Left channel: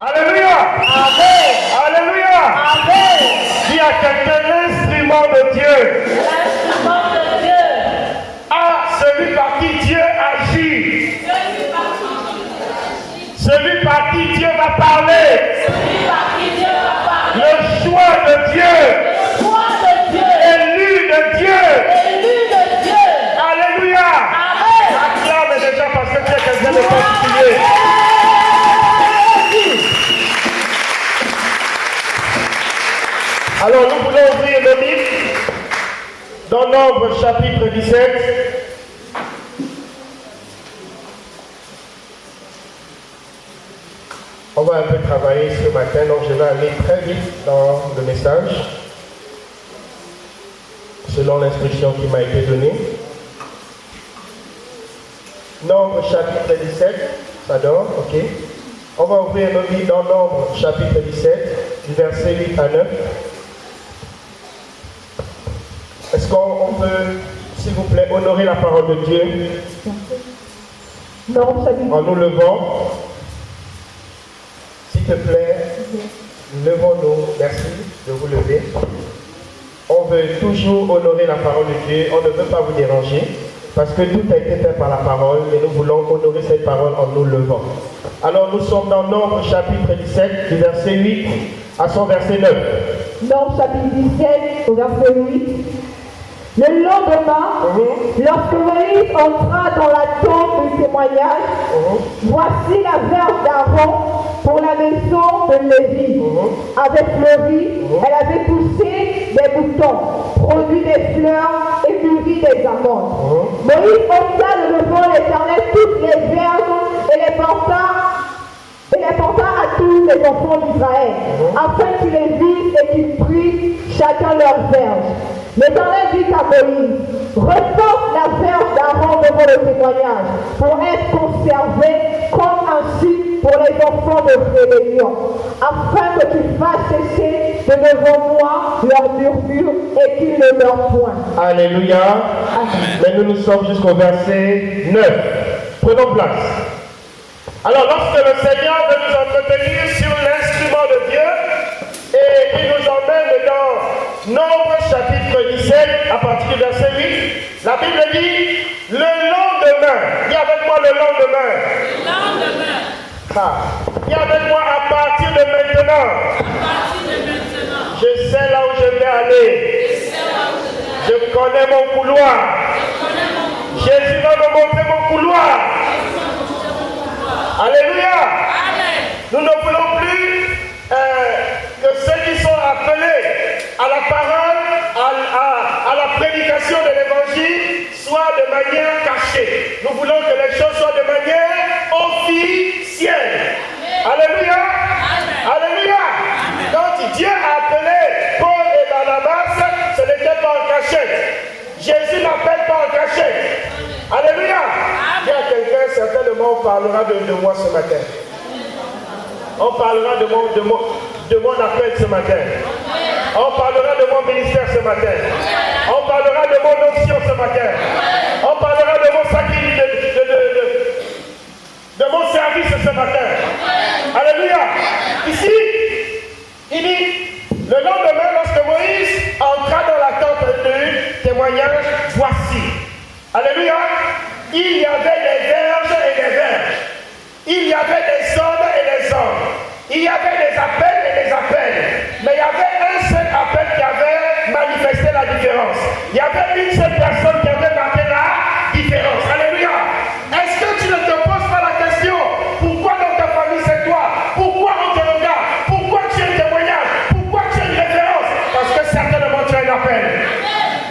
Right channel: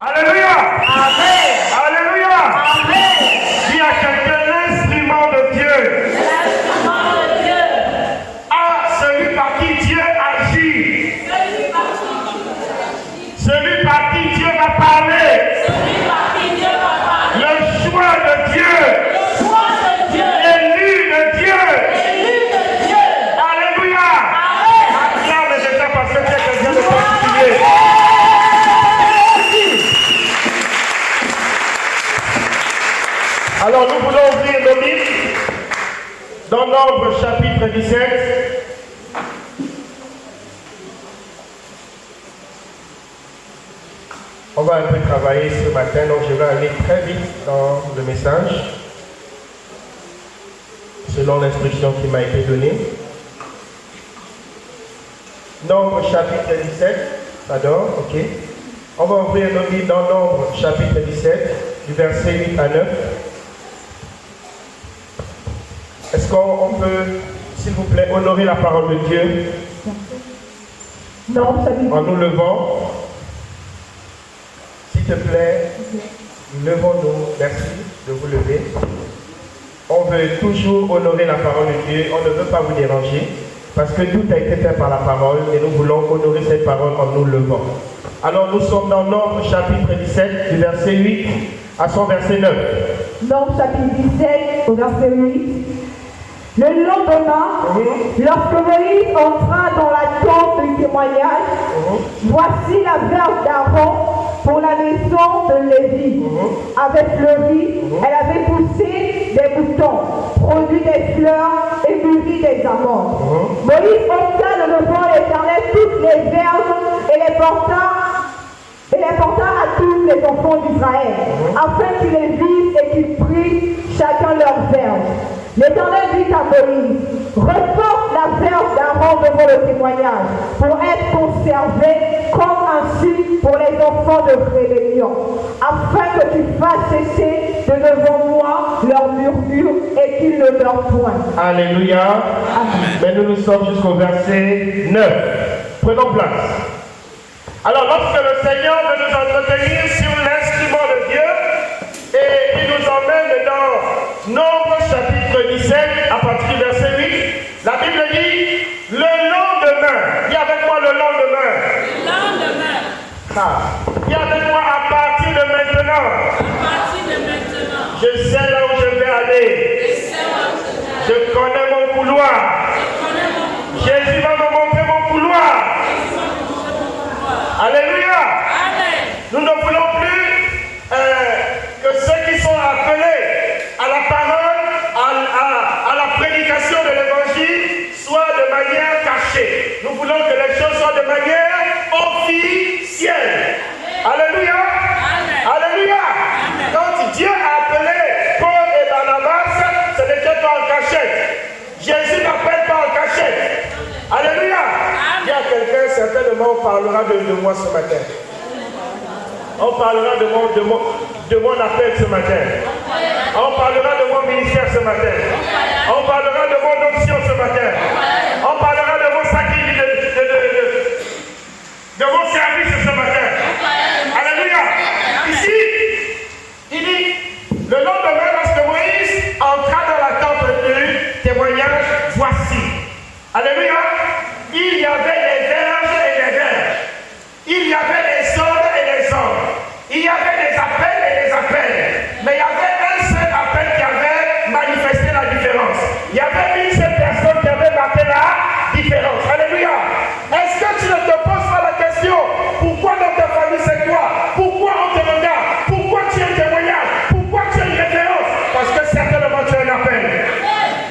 Alléluia. Amen. Alléluia. Amen. Il y a quelqu'un, l'instrument de Dieu. Ah, celui par qui Dieu agit. Celui par qui Dieu va parler. Le choix de Dieu. Élu de Dieu. Alléluia. Acclame déjà parce que tu es quelqu'un de particulier. Alors nous voulons ouvrir nos livres dans Nombre chapitre 17. On va un peu travailler ce matin, donc je vais aller très vite dans le message, selon l'instruction qui m'a été donnée. Nombre chapitre 17, ça donne, ok. On va ouvrir nos livres dans Nombre chapitre 17, du verset 8 à 9. Est-ce qu'on peut, s'il vous plaît, honorer la parole de Dieu en nous levant? S'il te plaît, levons-nous. Merci de vous lever. On veut toujours honorer la parole de Dieu. On ne veut pas vous déranger parce que tout a été fait par la parole et nous voulons honorer cette parole en nous levant. Alors nous sommes dans Nombre chapitre 17 du verset 8 à son verset 9. Nombre chapitre 17 au verset 8. Le lendemain, lorsque Moïse entra dans la tente du témoignage, voici la verge d'Aaron pour la maison de Lévi. Avait fleuri, elle avait poussé des boutons, produit des fleurs et mûri des amandes. Moïse ôta de devant l'Éternel toutes les verges et les porta à tous les enfants d'Israël, afin qu'ils les vissent et qu'ils prissent chacun leur verge. L'Éternel dit à Moïse, reporte la verge d'Aaron devant le témoignage, pour être conservée comme un signe pour les enfants de rébellion, afin que tu fasses cesser de devant moi leur murmure et qu'ils ne meurent point. Alléluia. Mais nous sommes jusqu'au verset 9. Prenons place. Alors, lorsque le Seigneur veut nous entretenir sur l'instrument de Dieu, et il nous emmène dans Nombre chapitre 17, à partir du verset 8, la Bible dit, le lendemain, dis avec moi le lendemain. Dis avec moi à partir de maintenant. Je sais là où je vais aller. Je connais mon couloir. Jésus va me montrer mon couloir. Alléluia. Nous ne voulons plus que ceux qui sont appelés à la parole, à la prédication de l'évangile, soient de manière cachée. Nous voulons que les choses soient de manière officielle. Alléluia. Alléluia. Quand Dieu a appelé Paul et Barnabas, ce n'était pas en cachette. Jésus n'appelle pas en cachette. Alléluia. Il y a quelqu'un, certainement, on parlera de moi ce matin. On parlera de mon appel ce matin. On parlera de mon ministère ce matin. On parlera de mon option ce matin. On parlera de mon sacrifice, de mon service ce matin. Alléluia. Ici, il dit, le lendemain, lorsque Moïse entra dans la tente du témoignage, voici. Alléluia. Il y avait des verges et des verges. Il y avait des hommes et des hommes. Il y avait des appels et des appels. Mais il y avait un seul appel qui avait manifesté la différence. Il y avait une seule personne qui avait marqué la différence. Alléluia. Est-ce que tu ne te poses pas la question, pourquoi dans ta famille c'est toi? Pourquoi on te regarde? Pourquoi tu es un témoignage? Pourquoi tu es une référence? Parce que certainement tu as un appel.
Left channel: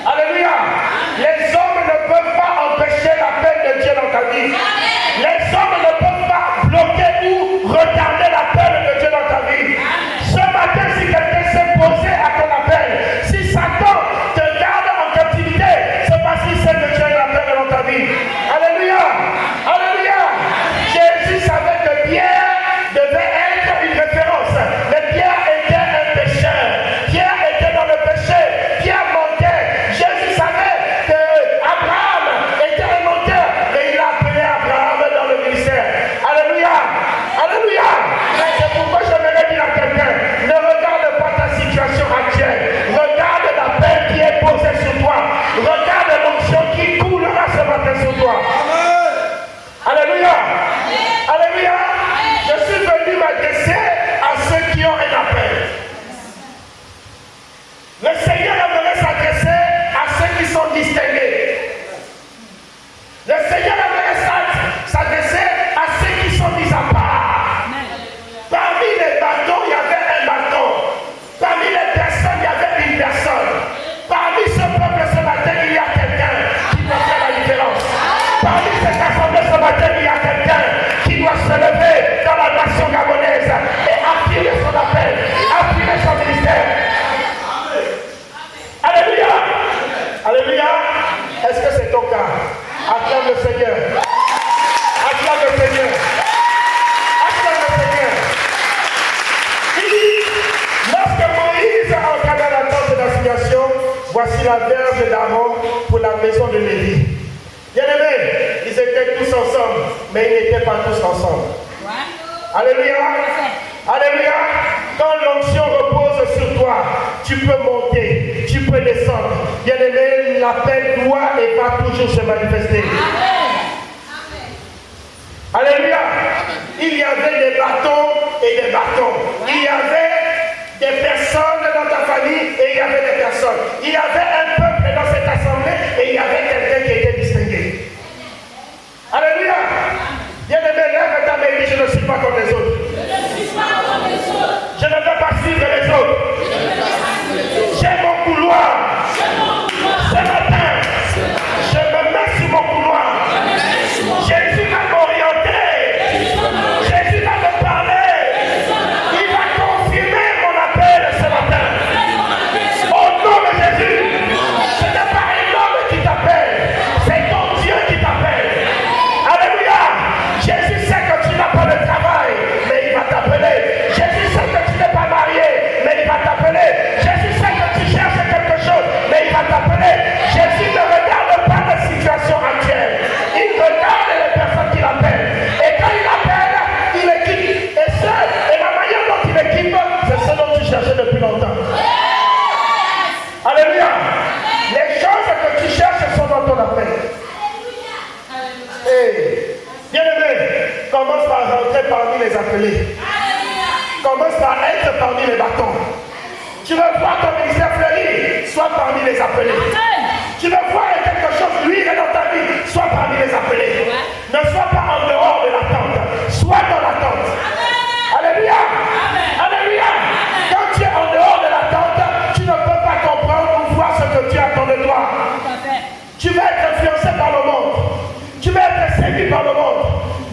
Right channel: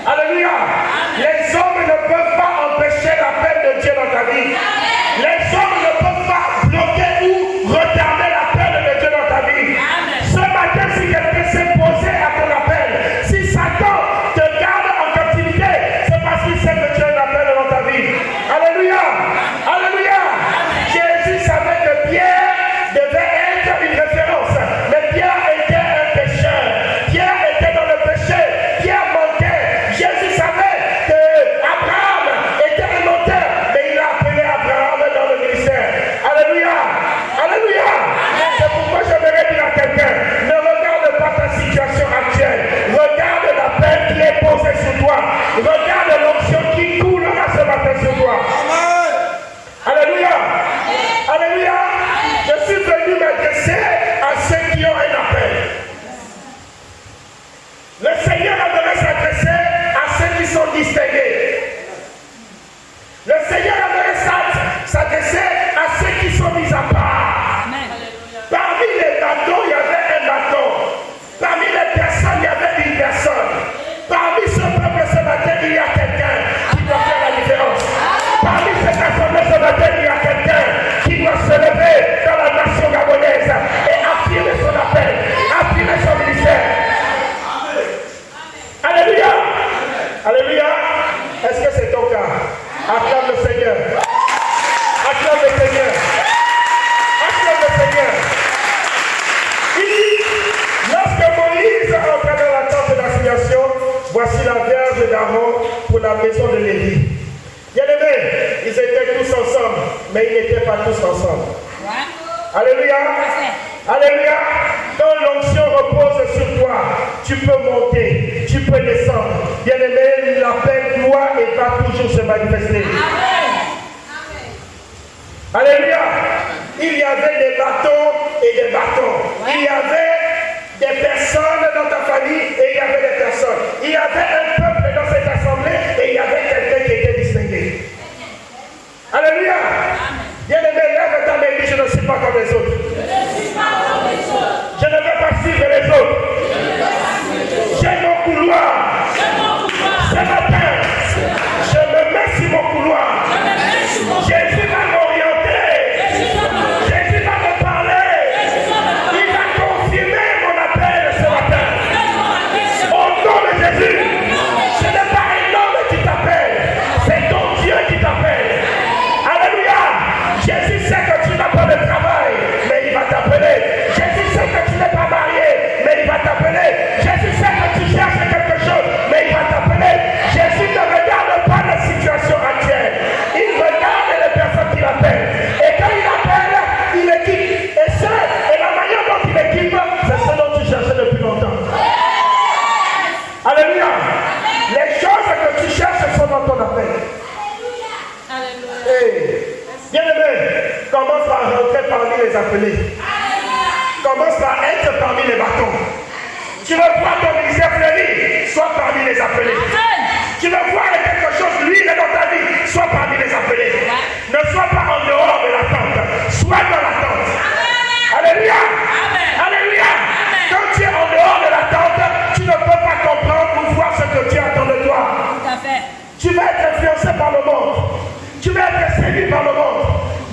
Alléluia. Les hommes ne peuvent pas empêcher l'appel de Dieu dans ta vie. parmi les appelés. Ne sois pas en dehors de la tente. Sois dans la tente. Alléluia. Alléluia. Quand tu es en dehors de la tente, tu ne peux pas comprendre ou voir ce que Dieu attend de toi. Tu vas être influencé par le monde. Tu vas être séduit par le monde.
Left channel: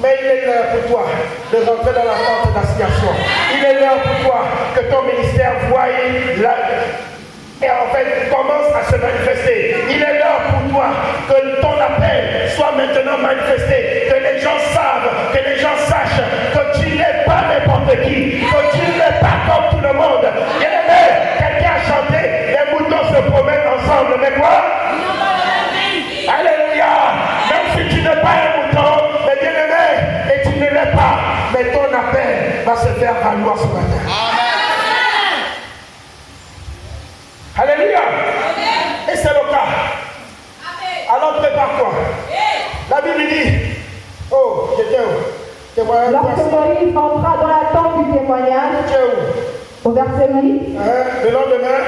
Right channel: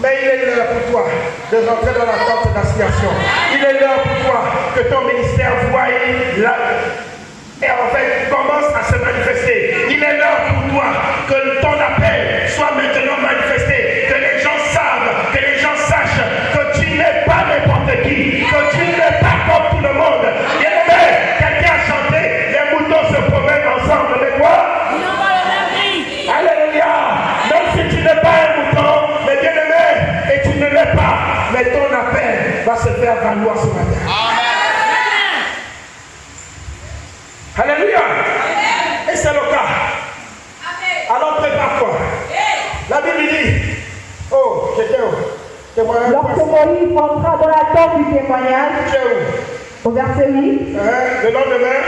Mais il est l'heure pour toi de rentrer dans la tente d'assignation. Il est l'heure pour toi que ton ministère voie et en fait commence à se manifester. Il est l'heure pour toi que ton appel soit maintenant manifesté. Que les gens savent, que les gens sachent que tu n'es pas n'importe qui, que tu n'es pas comme tout le monde. Quelqu'un a chanté, les moutons se promènent ensemble. Mais quoi? Alléluia. Même si tu n'es pas un mouton, mais bien aimé, et tu ne l'es pas, mais ton appel va se faire valoir ce matin. Alléluia. Et c'est le cas. Alors prépare-toi. La Bible dit, oh, j'étais où? Lorsque Moïse entra dans la tente du témoignage, au verset 8, le lendemain,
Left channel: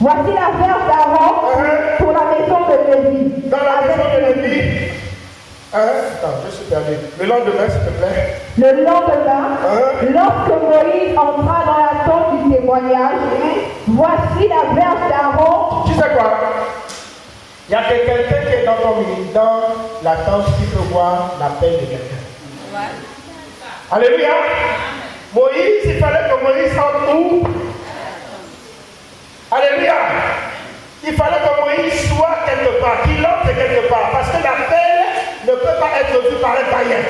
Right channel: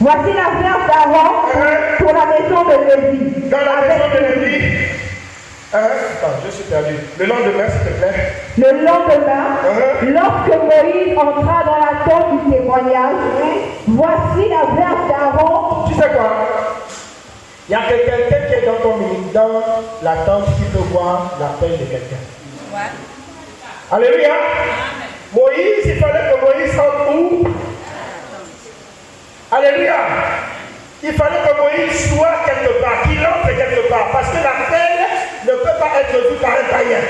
voici la verge d'Aaron pour la maison de Lévi. Dans la maison de Lévi. Attends, je suis perdu. Le lendemain, s'il te plaît. Le lendemain, lorsque Moïse entra dans la tente du témoignage, voici la verge d'Aaron. Tu sais quoi? Il y a quelqu'un qui est dans ton ministère, dans la tente, qui peut voir la paix de quelqu'un. Ouais. Alléluia. Moïse, il fallait que Moïse sorte où? Alléluia. Il fallait que Moïse soit quelque part, qu'il entre quelque part, parce que la paix ne peut pas être vue par un païen.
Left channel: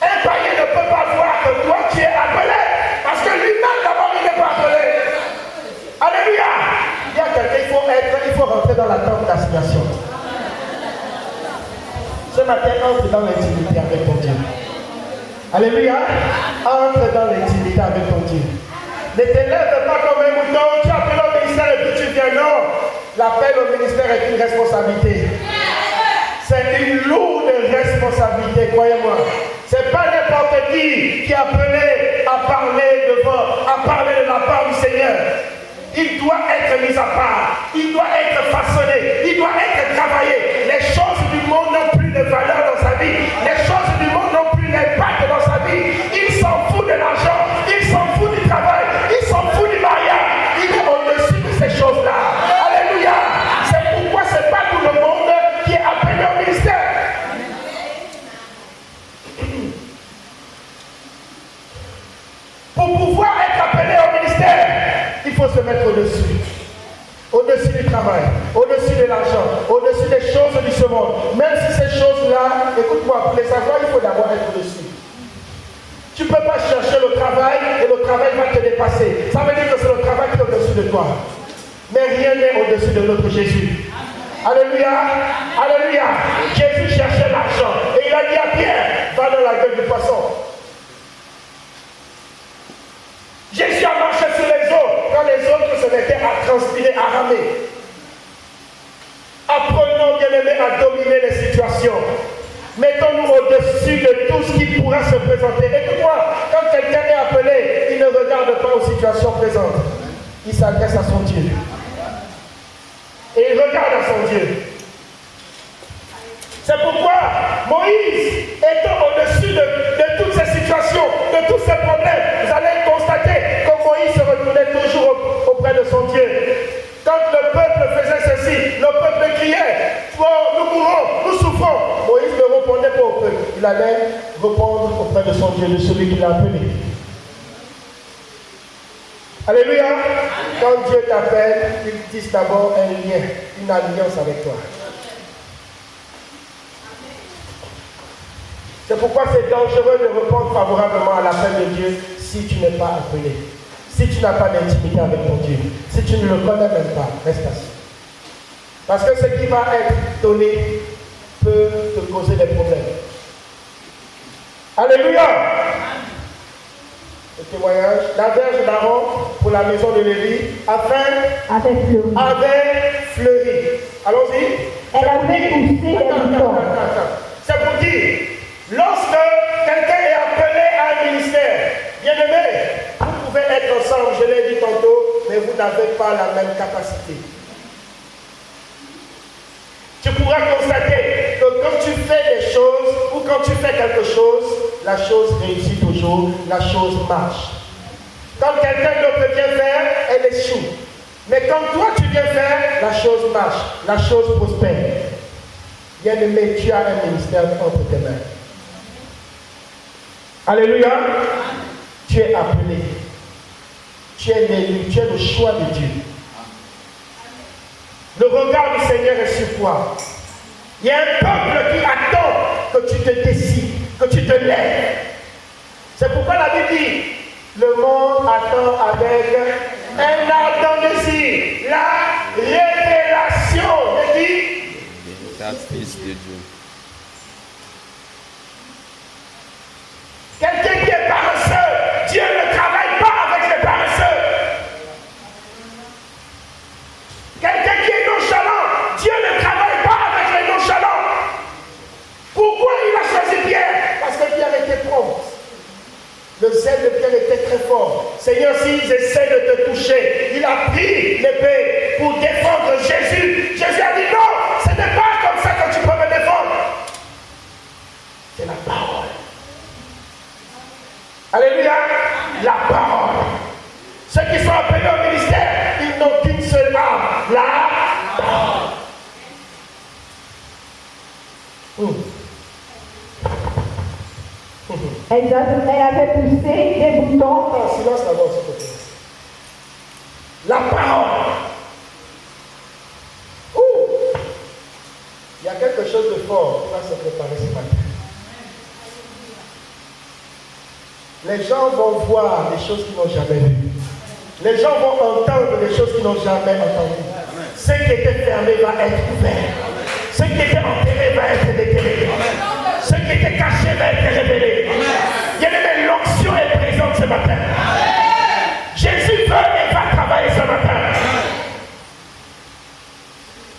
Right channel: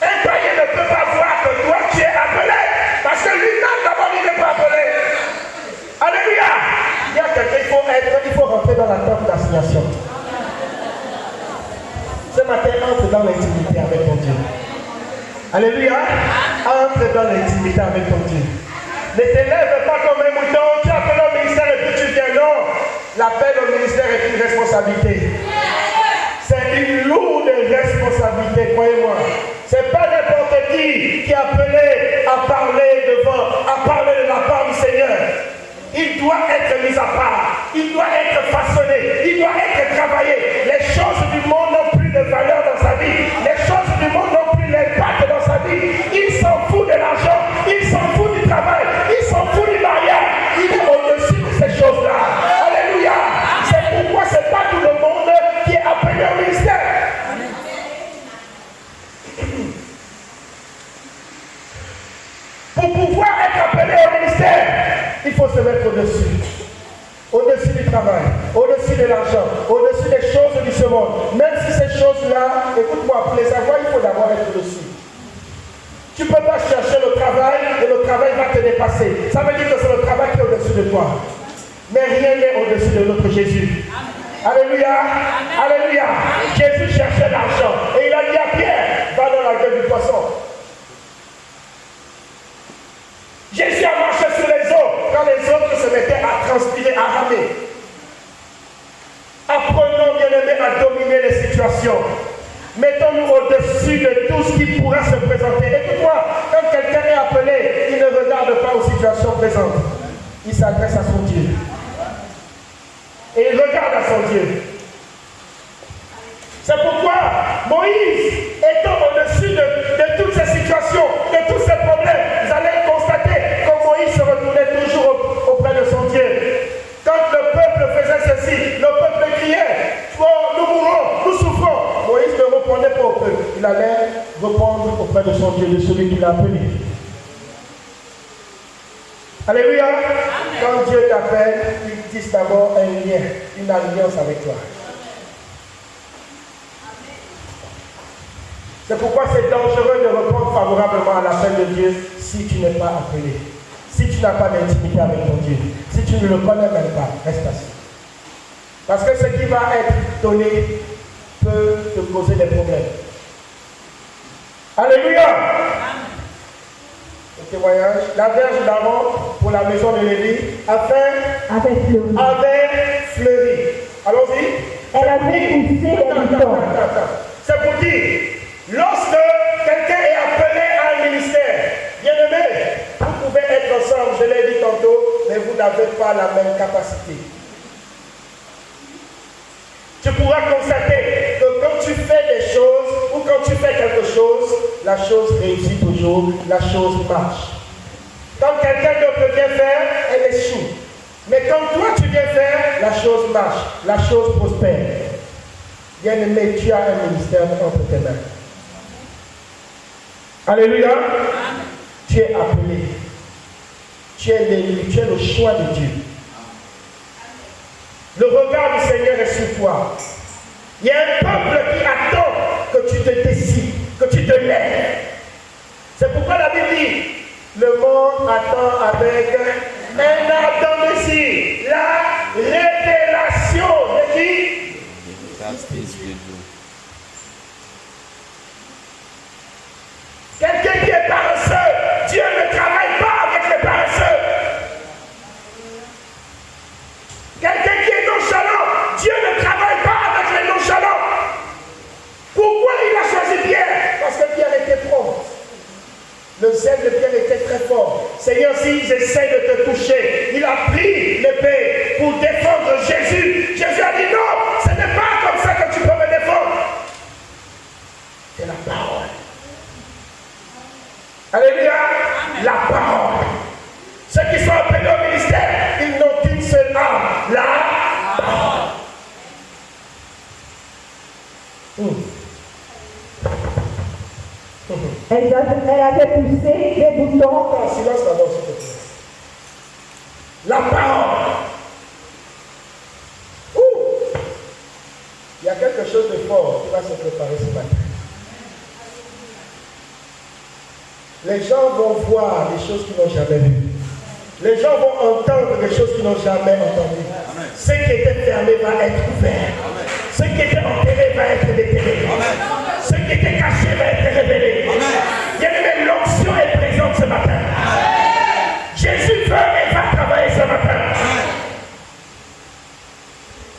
Un païen ne peut pas voir que toi tu es appelé, parce que lui-même d'abord il n'est pas appelé. Alléluia. Il y a quelqu'un, il faut rentrer dans la tente d'assignation. Ce matin, entre dans l'intimité avec ton Dieu. Alléluia. Entre dans l'intimité avec ton Dieu. Ne t'élève pas comme un mouton. Tu appelles au ministère et puis tu viens. Non. L'appel au ministère est une responsabilité. C'est une lourde responsabilité, croyez-moi. C'est pas n'importe qui est appelé à parler devant, à parler de la part du Seigneur. Il doit être mis à part. Il doit être façonné. Il doit être travaillé. Les choses du monde n'ont plus de valeur dans sa vie. Les choses du monde n'ont plus d'impact dans sa vie. Il s'en fout de l'argent. Il s'en fout du travail. Il s'en fout du mariage. Il est au-dessus de ces choses-là. Alléluia. C'est pourquoi c'est pas tout le monde qui est appelé au ministère. Pour pouvoir être appelé au ministère, il faut se mettre au-dessus. Au-dessus du travail, au-dessus de l'argent, au-dessus des choses de ce monde. Même si ces choses-là, écoute-moi, pour les savoir, il faut d'abord être au-dessus. Tu ne peux pas chercher le travail et le travail va te dépasser. Ça veut dire que c'est le travail qui est au-dessus de toi. Mais rien n'est au-dessus de notre Jésus. Alléluia. Alléluia. Jésus cherchait l'argent et il a dit à Pierre, va dans la gueule du poisson. Jésus a marché sur les eaux quand les autres se mettaient à transpirer, à ramer. Apprenons, bien-aimés, à dominer les situations. Mettons-nous au-dessus de tout ce qui pourra se présenter. Écoute-moi, quand quelqu'un est appelé, il ne regarde pas aux situations présentes. Il s'adresse à son Dieu. Et il regarde à son Dieu. C'est pourquoi Moïse, étant au-dessus de toutes ces situations, de tous ces problèmes, vous allez constater que Moïse se retournait toujours auprès de son Dieu. Quand le peuple faisait ceci, le peuple criait, oh, nous mourrons, nous souffrons. Moïse ne répondait pas au peuple. Il allait répondre auprès de son Dieu, de celui qui l'a appelé. Alléluia. Quand Dieu t'appelle, il tisse d'abord un lien, une alliance avec toi. C'est pourquoi c'est dangereux de répondre favorablement à l'appel de Dieu si tu n'es pas appelé. Si tu n'as pas d'intimité avec ton Dieu. Si tu ne le connais même pas, reste assis. Parce que ce qui va être donné peut te causer des problèmes. Alléluia. Le témoignage, la verge d'Aaron pour la maison de Lévi avait fleuri. Allons-y. Elle avait poussé le temps. C'est pour dire, lorsque quelqu'un est appelé à un ministère, bien aimé, vous pouvez être ensemble, je l'ai dit tantôt, mais vous n'avez pas la même capacité. Tu pourras la chose réussit toujours, la chose marche. Quand quelqu'un d'autre vient faire, elle échoue. Mais quand toi tu viens faire, la chose marche, la chose prospère. Bien-aimé, tu as un ministère entre tes mains. Alléluia. Tu es appelé. Tu es l'élu, tu es le choix de Dieu. Le regard du Seigneur est sur toi. Il y a un peuple qui attend que tu te décides, que tu te lèves. C'est pourquoi la Bible dit, le monde attend avec un ardent désir la révélation de Dieu. Quelqu'un qui est paresseux, Dieu ne travaille pas avec les paresseux. Quelqu'un qui est nonchalant, Dieu ne travaille pas avec les nonchalants. Pourquoi il a choisi Pierre? Parce que Pierre était prompt. Le zèle de Pierre était très fort. Seigneur, s'ils essaient de te toucher, il a pris l'épée pour défendre Jésus. Jésus a dit non, ce n'est pas comme ça que tu peux me défendre. C'est la parole. Alléluia. La parole. Ceux qui sont appelés au ministère, ils n'ont qu'une seule âme. La parole. Elle avait poussé des boutons. Silence d'abord, s'il te plaît. La parole. Il y a quelque chose de fort qui va se préparer ce matin. Les gens vont voir des choses qu'ils n'ont jamais vues. Les gens vont entendre des choses qu'ils n'ont jamais entendues. Ce qui était fermé va être ouvert. Ce qui était enterré va être déterré. Ce qui était caché va être révélé. L'onction est présente ce matin. Jésus veut et va travailler ce matin.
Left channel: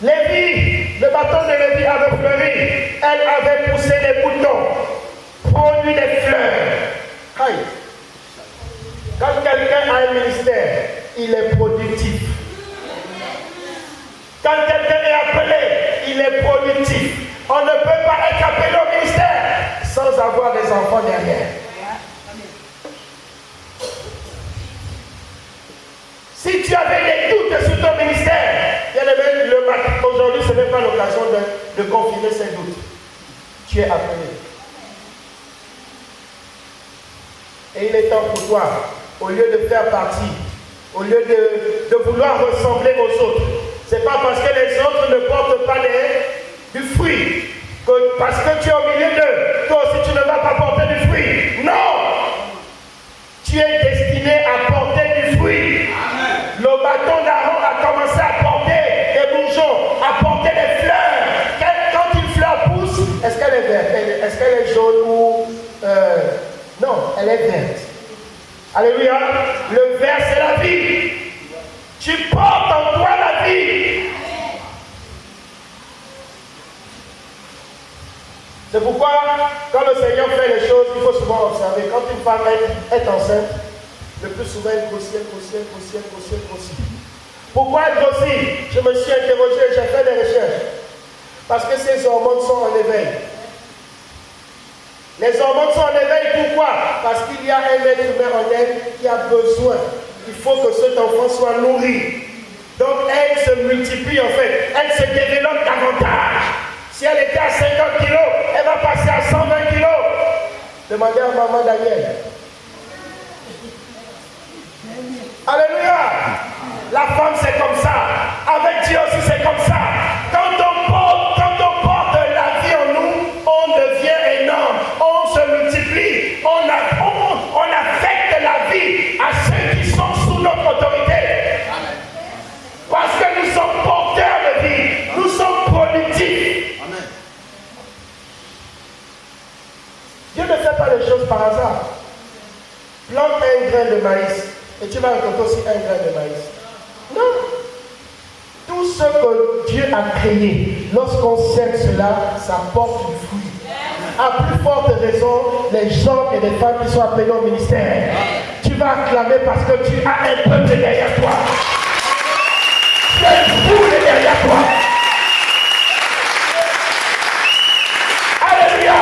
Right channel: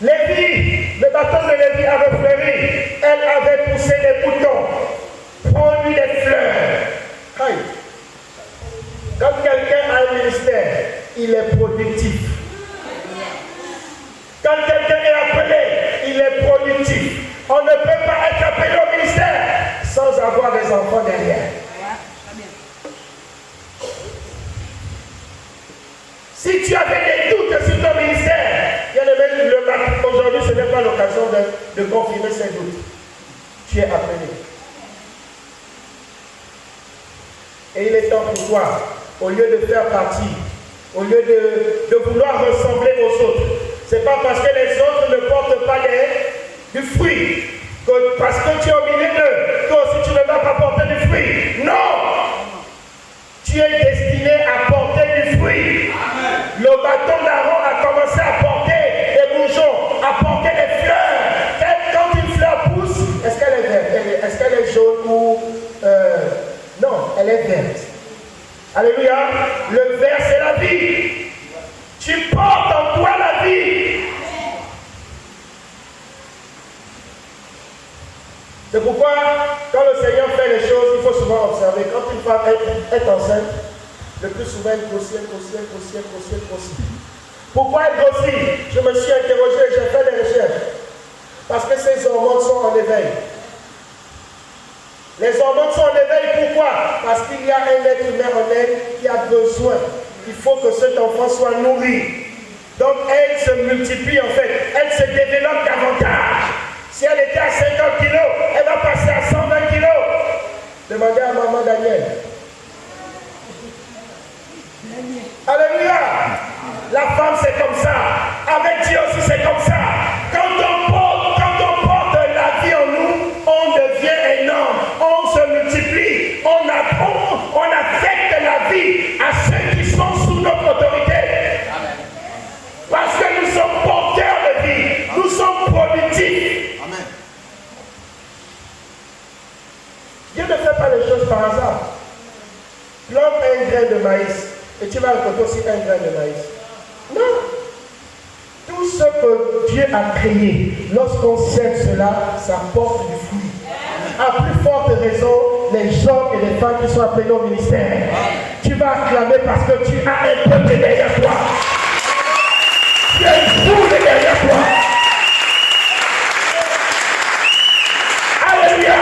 Lévi, le bâton de Lévi avait fleuri. Elle avait poussé des boutons. Produit des fleurs. Aïe. Quand quelqu'un a un ministère, il est productif. Quand quelqu'un est appelé, il est productif. On ne peut pas être appelé au ministère sans avoir des enfants derrière. Si tu avais des doutes sur ton ministère, aujourd'hui ce n'est pas l'occasion de confirmer ces doutes. Tu es appelé. Et il est temps pour toi, au lieu de faire partie, au lieu de vouloir ressembler aux autres, c'est pas parce que les autres ne portent pas du fruit, que parce que tu es au milieu d'eux, toi aussi tu ne vas pas porter du fruit. Non! Tu es destiné à porter du fruit. Amen. Le bâton d'Aaron a commencé à porter des bourgeons, à porter des fleurs. Quand une fleur pousse, est-ce qu'elle est verte? Est-ce qu'elle est jaune ou... non, elle est verte. Alléluia. Le vert, c'est la vie. Tu portes en toi la vie. C'est pourquoi, quand le Seigneur fait les choses, il faut souvent observer. Quand une femme est enceinte, le plus souvent elle grossit. Pourquoi elle grossit? Je me suis interrogé, j'ai fait des recherches. Parce que ces hormones sont en éveil. Les hormones sont en éveil, pourquoi? Parce qu'il y a un être humain en elle qui a besoin. Il faut que cet enfant soit nourri. Donc elle se multiplie en fait. Elle se développe davantage. Si elle était à 50 kilos, elle va passer à 120 kilos. Demandez à maman Daniel. Alléluia. La femme c'est comme ça. Avec Dieu aussi c'est comme ça. Quand on porte la vie en nous, on devient énorme. On se multiplie. On affecte la vie à ceux qui sont sous notre autorité. Amen. Parce que nous sommes porteurs de vie. Nous sommes productifs. Amen. Dieu ne fait pas les choses par hasard. Plante un grain de maïs et tu vas récolter aussi un grain de maïs. Non. Tout ce que Dieu a créé, lorsqu'on sème cela, ça porte du fruit. À plus forte raison, les hommes et les femmes qui sont appelés au ministère, tu vas acclamer parce que tu as un peuple derrière toi. Tu as un peuple derrière toi. Alléluia.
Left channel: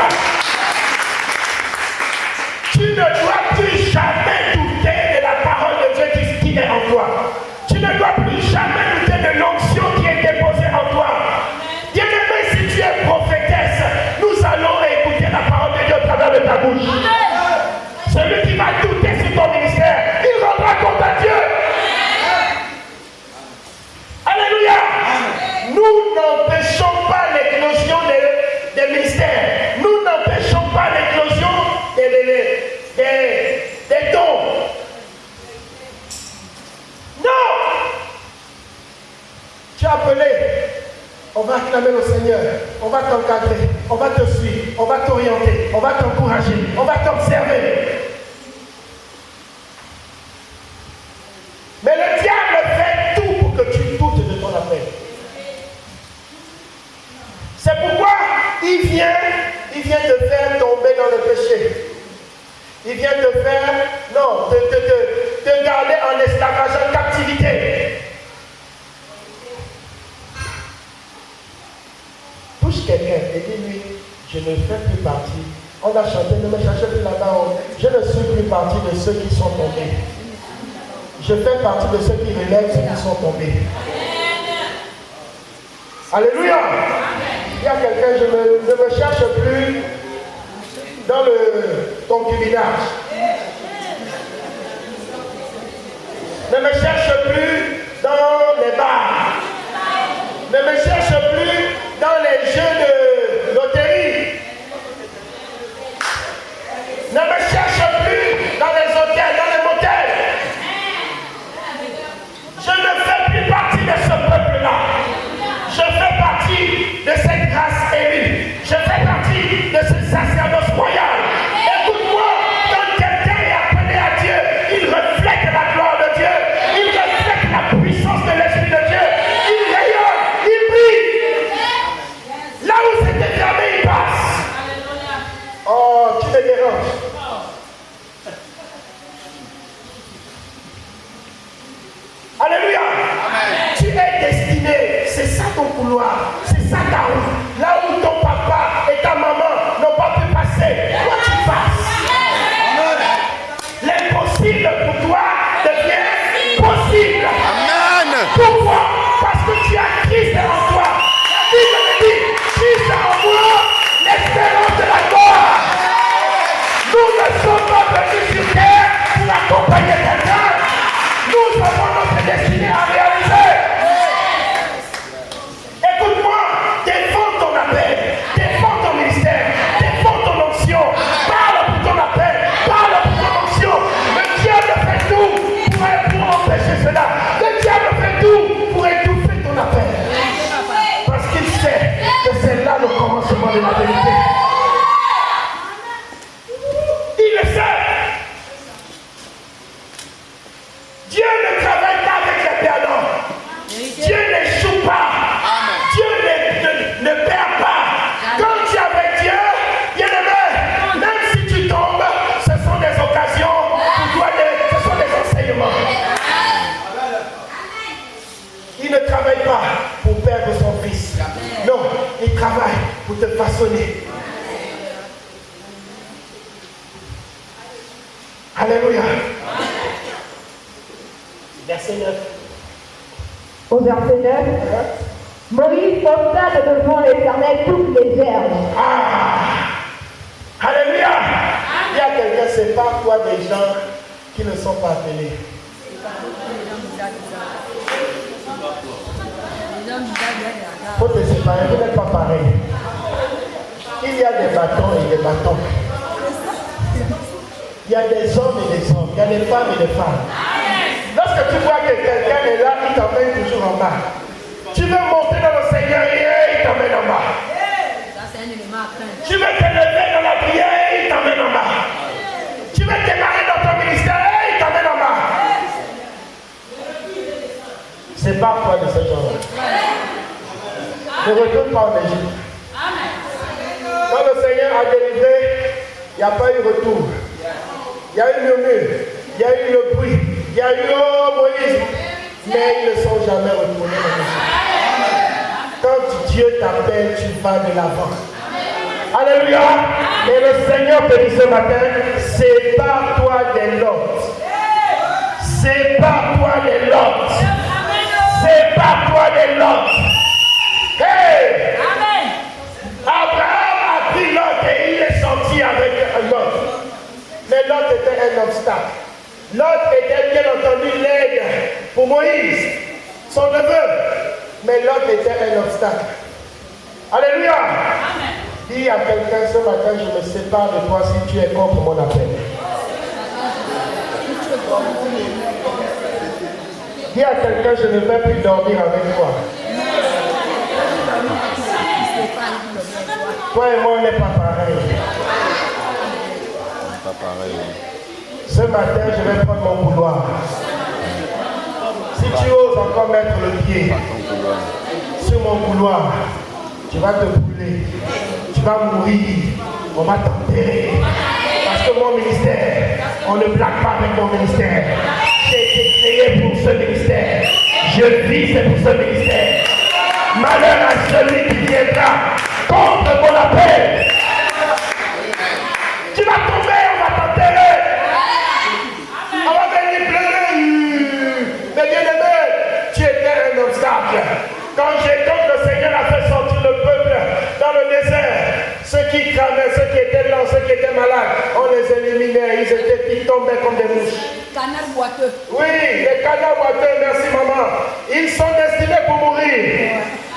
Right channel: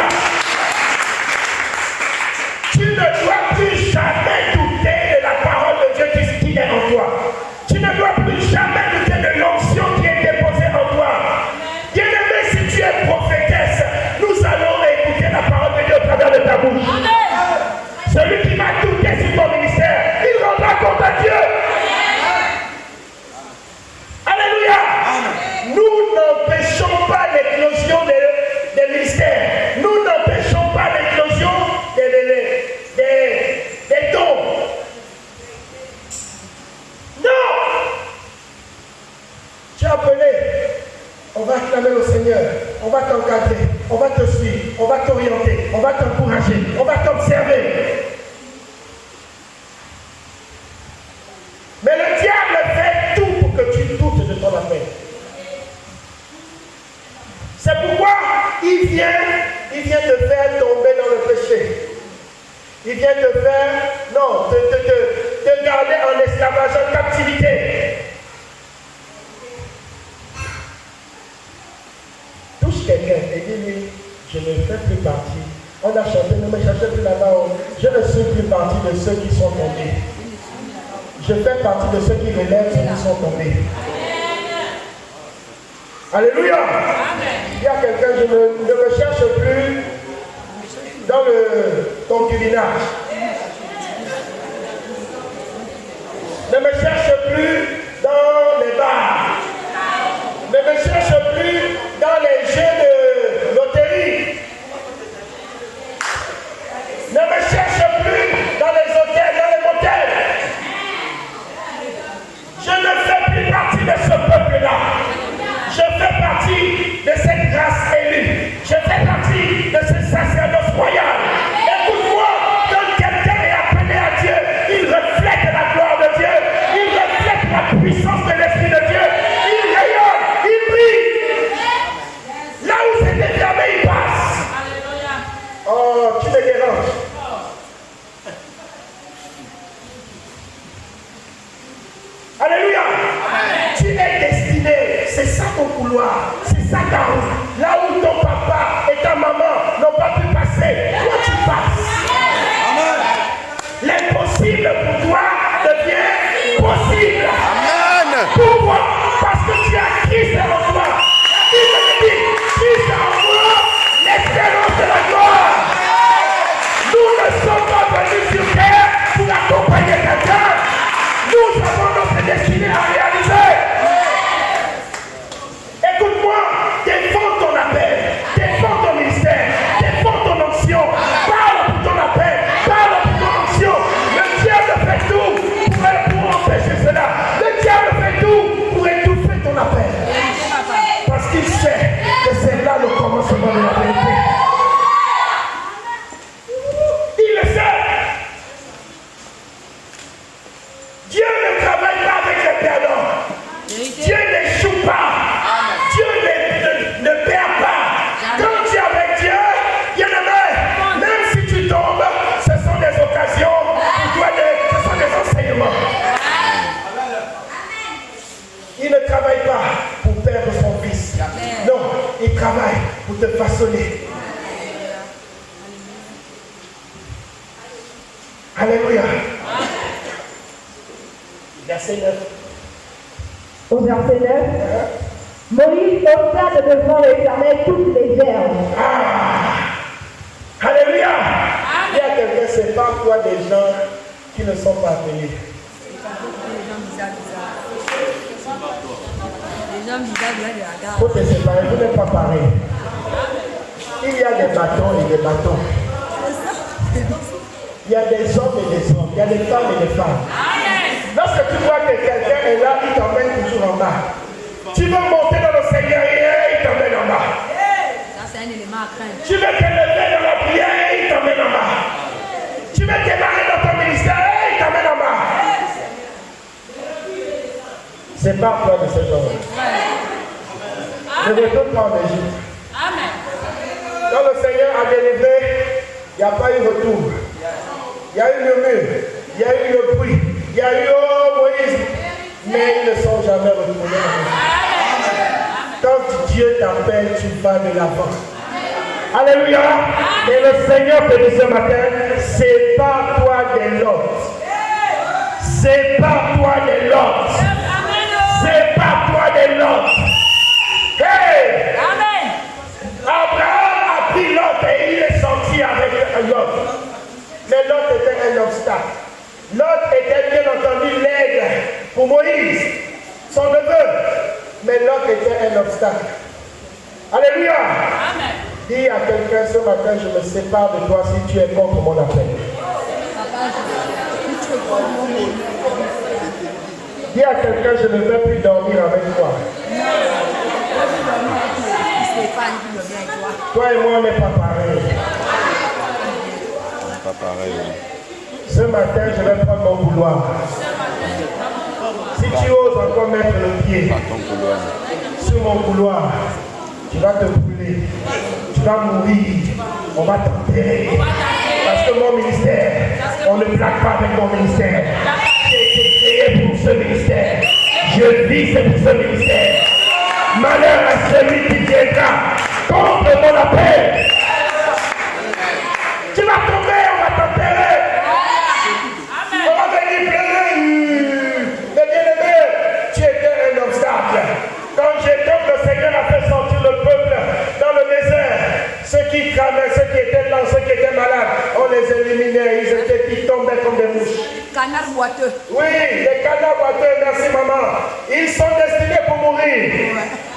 t'encadrer, on va te suivre, on va t'orienter, on va t'encourager, on va t'observer. Mais le diable fait tout pour que tu doutes de ton appel. C'est pourquoi il vient te faire tomber dans le péché. Il vient te faire, non, te garder en esclavage, en captivité. Touche quelqu'un et dis-lui, je ne fais plus partie. On a chanté, ne me cherchez plus là-bas. Je ne suis plus partie de ceux qui sont tombés. Je fais partie de ceux qui relèvent ceux qui sont tombés. Alléluia. Il y a quelqu'un, je ne me cherche plus dans le concubinage. Ne me cherche plus dans les bars. Ne me cherche plus dans les jeux de loterie. Ne me cherche plus dans les hôtels, dans les motels. Je ne fais plus partie de ce peuple-là. Je fais partie de cette grâce élue. Je fais partie de ce sacerdoce royal. Écoute-moi, quand quelqu'un est appelé à Dieu, il reflète la gloire de Dieu. Il reflète la puissance de l'Esprit de Dieu. Il rayonne, il brille. Là où c'était fermé, il passe. Oh, tu me déranges. Alléluia. Tu es destiné, c'est ça ton couloir, c'est ça ta route. Là où ton papa et ta maman n'ont pas pu passer, toi tu passes. L'impossible pour toi devient possible. Amen. Pourquoi? Parce que tu as Christ en toi. Il me dit, Christ en moi, l'espérance de la gloire. Nous ne sommes pas venus sur terre pour accompagner quelqu'un. Nous avons notre destinée à réaliser. Écoute-moi, défends ton appel, défends ton ministère, défends ton onction. Parle pour ton appel, parle pour ton onction. Le diable fait tout pour empêcher cela. Le diable fait tout pour étouffer ton appel. Parce qu'il sait que c'est là le commencement de la vérité. Il le sait. Dieu ne travaille pas avec les perdants. Dieu n'échoue pas. Dieu ne perd pas. Quand tu es avec Dieu, bien-aimé, même si tu tombes, ce sont des occasions pour toi, ce sont des enseignements. Il ne travaille pas pour perdre son fils. Non, il travaille pour te façonner. Alléluia. Verset 9. Au verset 9, Moïse posa devant l'Éternel toutes les herbes. Alléluia. Il y a quelqu'un, c'est pas quoi des gens qui ne sont pas appelés. Faut te séparer, vous n'êtes pas pareil. Il y a des bâtons et des bâtons. Il y a des hommes et des hommes. Il y a des femmes et des femmes. Lorsque tu vois que quelqu'un est là, il t'emmène toujours en bas. Tu veux monter dans le Seigneur et il t'emmène en bas. Tu veux t'élever dans la prière et il t'emmène en bas. Tu veux démarrer dans ton ministère et il t'emmène en bas. C'est pas quoi de ce genre. Ne retourne pas en Égypte. Quand le Seigneur a délivré, il n'y a pas eu retour. Il y a eu le mur, il y a eu le bruit, il y a eu Moïse, mais ils ne sont jamais retournés en Égypte. Quand Dieu t'appelle, tu vas de l'avant. Alléluia. Et le Seigneur te dit ce matin, sépare-toi des Lots. Sépare-toi des Lots. Sépare-toi des Lots. Hey! Abraham a pris Lot et il est sorti avec Lot. Mais Lot était un obstacle. Lot était bien entendu l'aide pour Moïse, son neveu. Mais Lot était un obstacle. Alléluia. Dis à quelqu'un ce matin, je me sépare de toi si tu es contre mon appel. Dis à quelqu'un, je ne vais plus dormir avec toi. Toi et moi, on n'est pas pareil. Pas pareil. Ce matin, je vais prendre mon couloir. Si tu oses encore mettre le pied sur mon couloir, tu vas te brûler. Tu vas mourir. On va t'enterrer. Parce que mon ministère, on ne blague pas avec mon ministère. J'ai été créé pour ce ministère. Je vis pour ce ministère. Malheur à celui qui viendra contre mon appel. Tu vas tomber, on va t'enterrer. On va venir pleurer. Mais bien aimé, tu étais un obstacle. Quand le Seigneur a fait sortir le peuple dans le désert, ceux qui cravaient, ceux qui étaient lents, ceux qui étaient malades, on les éliminait. Ils tombaient comme des mouches. Canard boiteux. Oui, les canards boiteux, merci maman. Ils sont destinés pour mourir.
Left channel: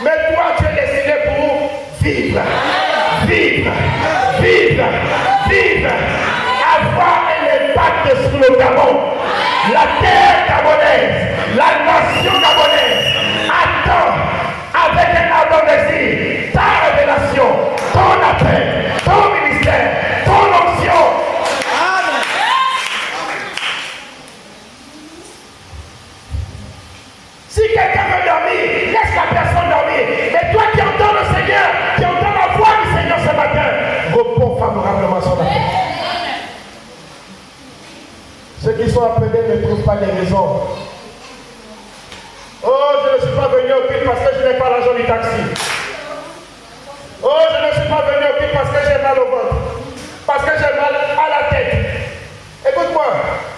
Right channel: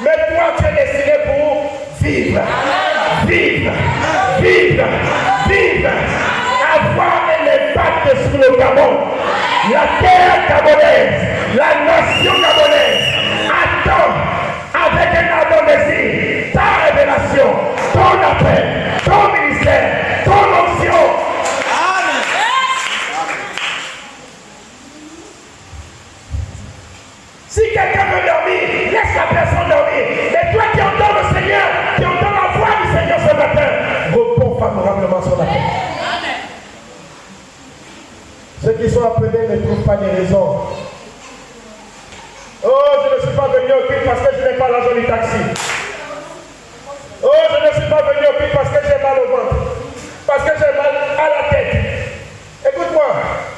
Mais toi, tu es destiné pour vivre. Vivre. Vivre. Vivre. Avoir un impact sur le Gabon. La terre gabonaise, la nation gabonaise attend avec un ardent désir ta révélation, ton appel, ton ministère, ton onction. Si quelqu'un veut dormir, laisse la personne dormir. Mais toi qui entends le Seigneur, qui entends la voix du Seigneur ce matin, réponds favorablement son appel. Ceux qui sont appelés ne trouvent pas de raison. Oh, je ne suis pas venu au culte parce que je n'ai pas l'argent du taxi. Oh, je ne suis pas venu au culte parce que j'ai mal au ventre. Parce que j'ai mal à la tête. Écoute-moi,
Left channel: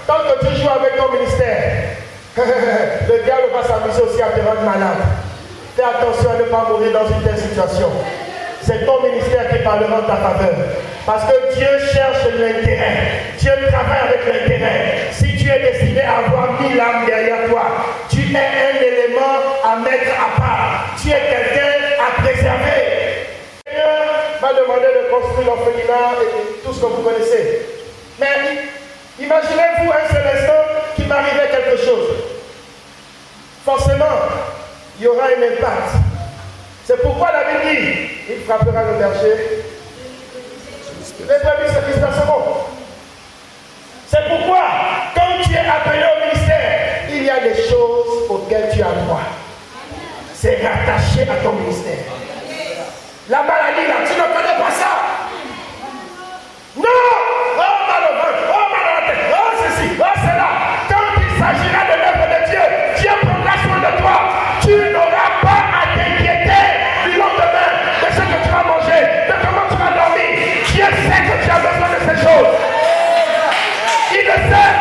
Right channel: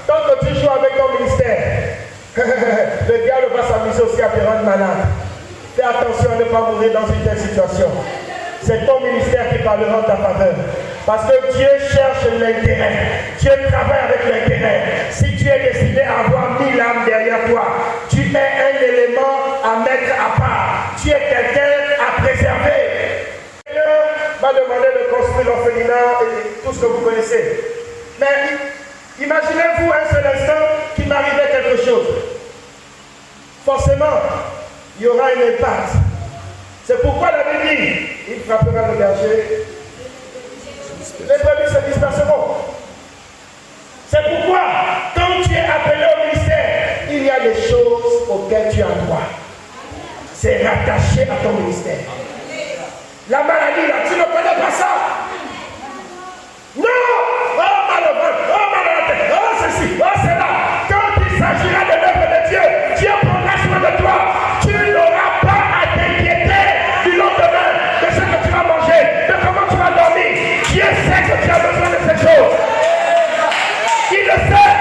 tant que tu joues avec ton ministère, le diable va s'amuser aussi à te rendre malade. Fais attention à ne pas mourir dans une telle situation. C'est ton ministère qui parlera en ta faveur. Parce que Dieu cherche l'intérêt. Dieu travaille avec l'intérêt. Si tu es destiné à avoir 1000 âmes derrière toi, tu es un élément à mettre à part. Tu es quelqu'un à préserver. Le Seigneur m'a demandé de construire l'orphelinat et tout ce que vous connaissez. Mais imaginez-vous un seul instant qu'il m'arrivait quelque chose. Forcément, il y aura un impact. C'est pourquoi la Bible dit, il frappera le berger. Les brebis se disperseront. C'est pourquoi, quand tu es appelé au ministère, il y a des choses auxquelles tu as droit. C'est rattaché à ton ministère. La maladie, là, tu ne connais pas ça. Non! Oh, mal au ventre, oh, mal à la tête, oh, ceci, oh, c'est là. Quand il s'agira de l'œuvre de Dieu, Dieu prendra soin de toi. Tu n'auras pas à t'inquiéter du lendemain de ce que tu vas manger, de comment tu vas dormir. Dieu sait que tu as besoin de ces choses. Il le sait.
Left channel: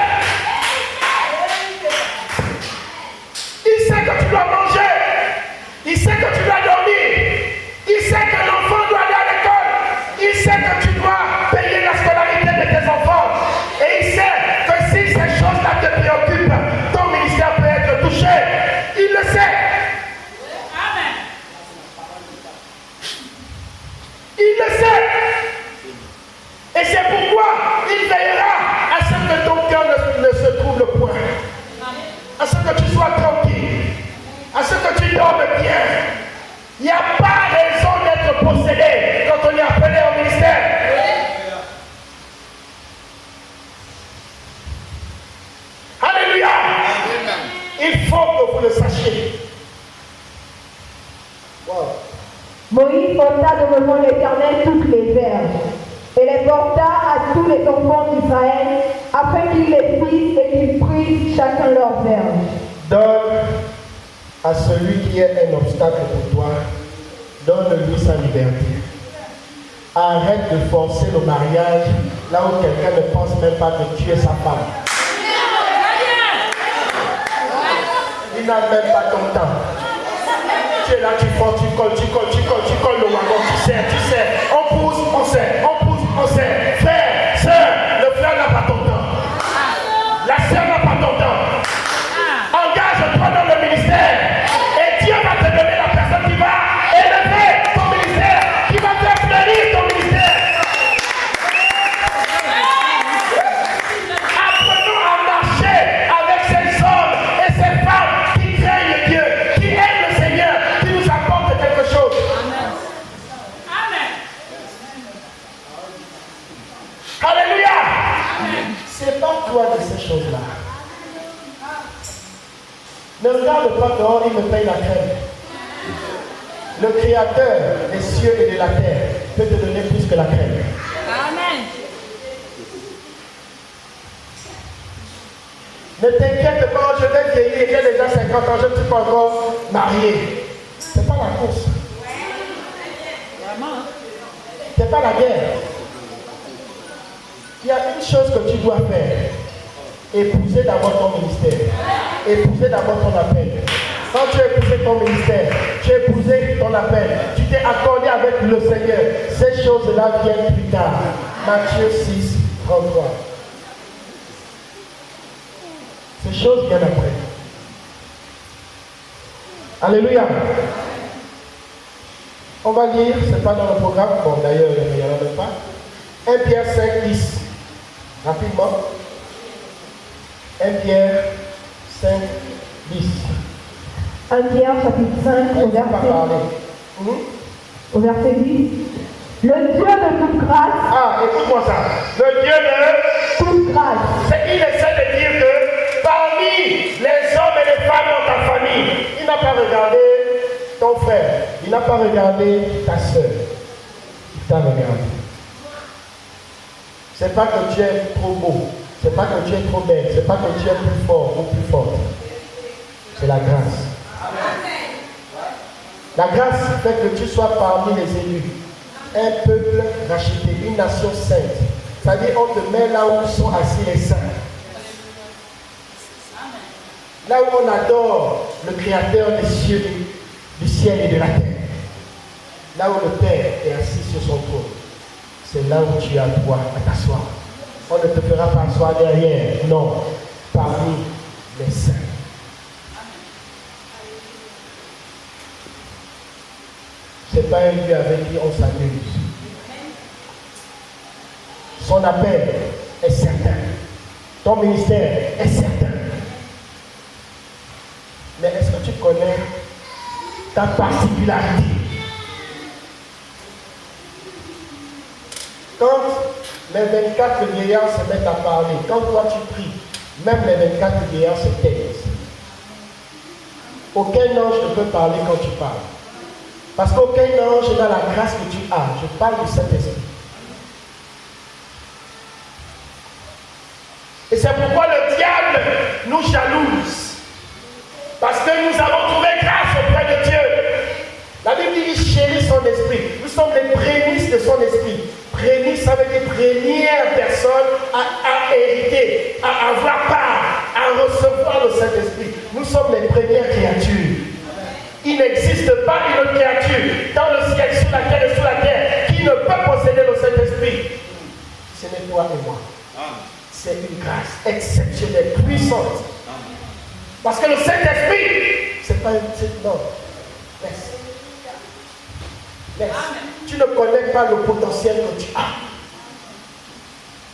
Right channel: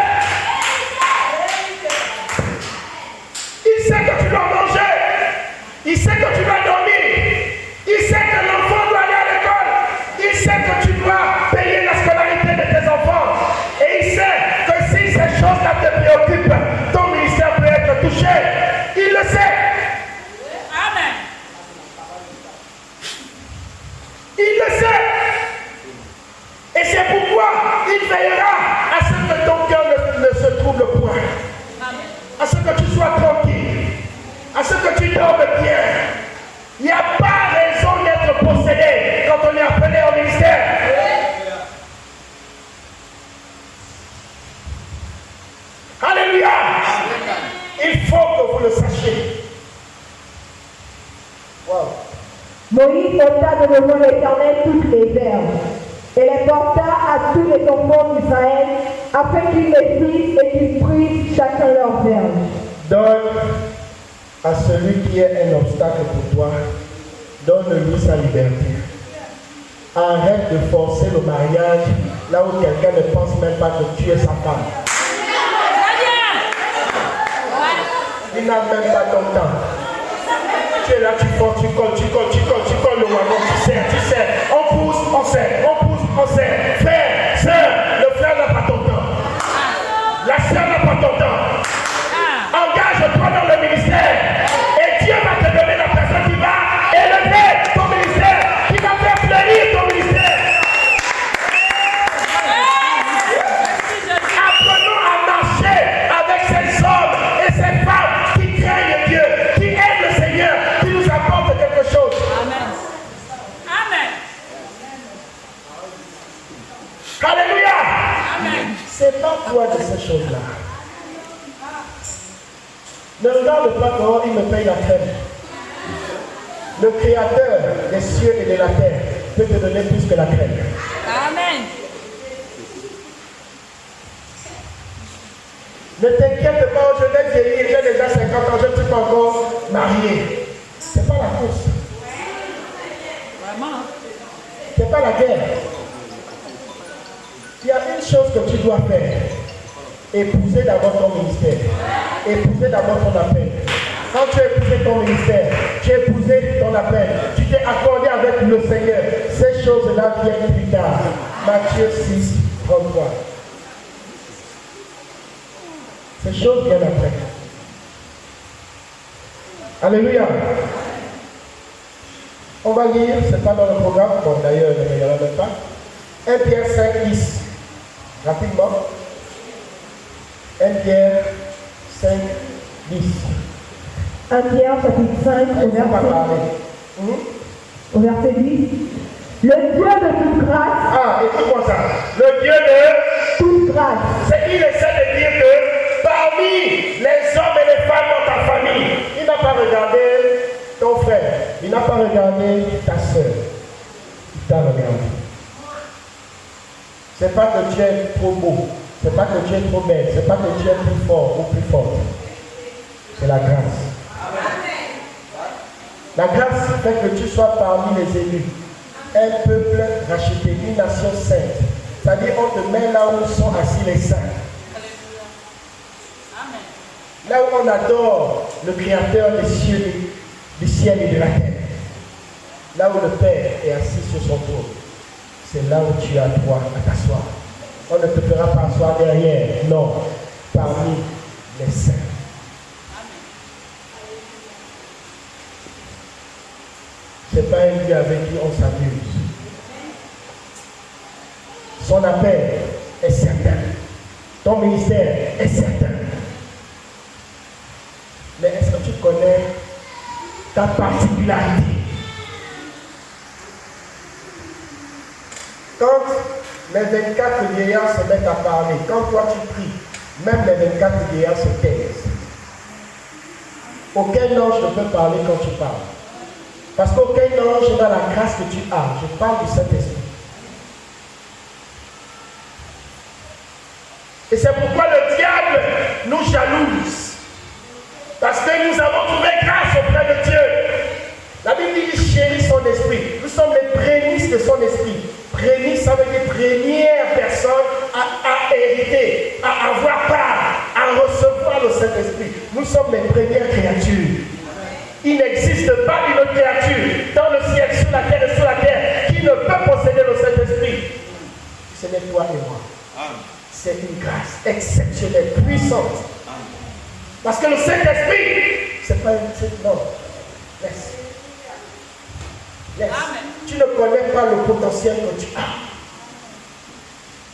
Il sait que tu dois manger. Il sait que tu dois dormir. Il sait que l'enfant doit aller à l'école. Il sait que tu dois payer la scolarité de tes enfants. Et il sait que si ces choses-là te préoccupent, ton ministère peut être touché. Il le sait. Amen. Il le sait. Et c'est pourquoi il veillera à ce que ton cœur ne se trouble point. À ce que tu sois tranquille. À ce que tu dormes bien. Il n'y a pas raison d'être possédé quand on est appelé au ministère. Alléluia. Il faut que vous le sachiez. Wow. Moïse porta devant l'Éternel toutes les herbes, et les porta à tous les enfants d'Israël, afin qu'ils les fissent et qu'ils prissent chacun leur verge. Donne à celui qui est un obstacle pour toi, donne-lui sa liberté. Arrête de forcer le mariage là où quelqu'un ne pense même pas que tu es sa femme. Il n'a même pas ton temps. Tu es là, tu forces, tu colles le wagon, tu sais. On pousse, on sait, on pousse, on sait. Frère, sœur, le frère n'a pas ton temps. La sœur n'a pas ton temps. Engage-toi dans le ministère et Dieu va te donner la personne qui va élever ton ministère, qui va faire fleurir ton ministère. Apprenons à marcher avec ces hommes et ces femmes qui craignent Dieu, qui aiment le Seigneur, qui nous apportent quelque chose. Sépare-toi de ces choses-là. Ne regarde pas dehors, il me paye la crème. Le Créateur des cieux et de la terre peut te donner plus que la crème. Amen. Ne t'inquiète pas, je vais vieillir, j'ai déjà 50 ans, je ne suis pas encore marié. C'est pas la course. Vraiment. C'est pas la guerre. Il y a une chose que tu dois faire. Épouser d'abord ton ministère. Épouser d'abord ton appel. Quand tu as épousé ton ministère, tu as épousé ton appel, tu t'es accordé avec le Seigneur. Ces choses-là viennent plus tard. Matthieu 6, 33. Ces choses viennent après. Alléluia. On va lire, ce n'est pas dans le programme, bon d'ailleurs il n'y en a même pas. 1 Pierre 5, 10. Rapidement. 1 Pierre 5, 10. 1 Pierre chapitre 5 au verset 10. Le Dieu de toute grâce. Ah, écoute-moi ça. Le Dieu de toute grâce. C'est qu'il essaie de dire que parmi les hommes et les femmes dans ta famille, il n'a pas regardé ton frère, il n'a pas regardé ta soeur. Il t'a regardé. C'est pas que tu es trop beau, c'est pas que tu es trop belle, c'est pas que tu es plus fort ou plus forte. C'est la grâce. La grâce fait que tu sois parmi les élus, un peuple racheté, une nation sainte. C'est-à-dire on te met là où sont assis les saints. Là où on adore le Créateur des cieux, du ciel et de la terre. Là où le Père est assis sur son trône. C'est là où tu as droit à t'asseoir. On ne te fera pas asseoir derrière, non, parmi les saints. Ce n'est pas un lieu avec qui on s'amuse. Son appel est certain. Ton ministère est certain. Mais est-ce que tu connais ta particularité? Quand les 24 vieillards se mettent à parler, quand toi tu pries, même les 24 vieillards se taisent. Aucun ange ne peut parler quand tu parles. Parce qu'aucun ange n'a la grâce que tu as. Je parle du Saint-Esprit. Et c'est pourquoi le diable nous jalouse. Parce que nous avons trouvé grâce auprès de Dieu. La Bible dit qu'il chérit son esprit. Nous sommes les prémices de son esprit. Prémices, ça veut dire première personne à hériter, à avoir part, à recevoir le Saint-Esprit. Nous sommes les premières créatures. Il n'existe pas une créature dans le ciel, sur la terre et sur la terre qui ne peut posséder le Saint-Esprit. Ce n'est toi et moi. C'est une grâce exceptionnelle, puissante. Parce que le Saint-Esprit, c'est pas une... Non. Laisse. Laisse. Tu ne connais pas le potentiel que tu as.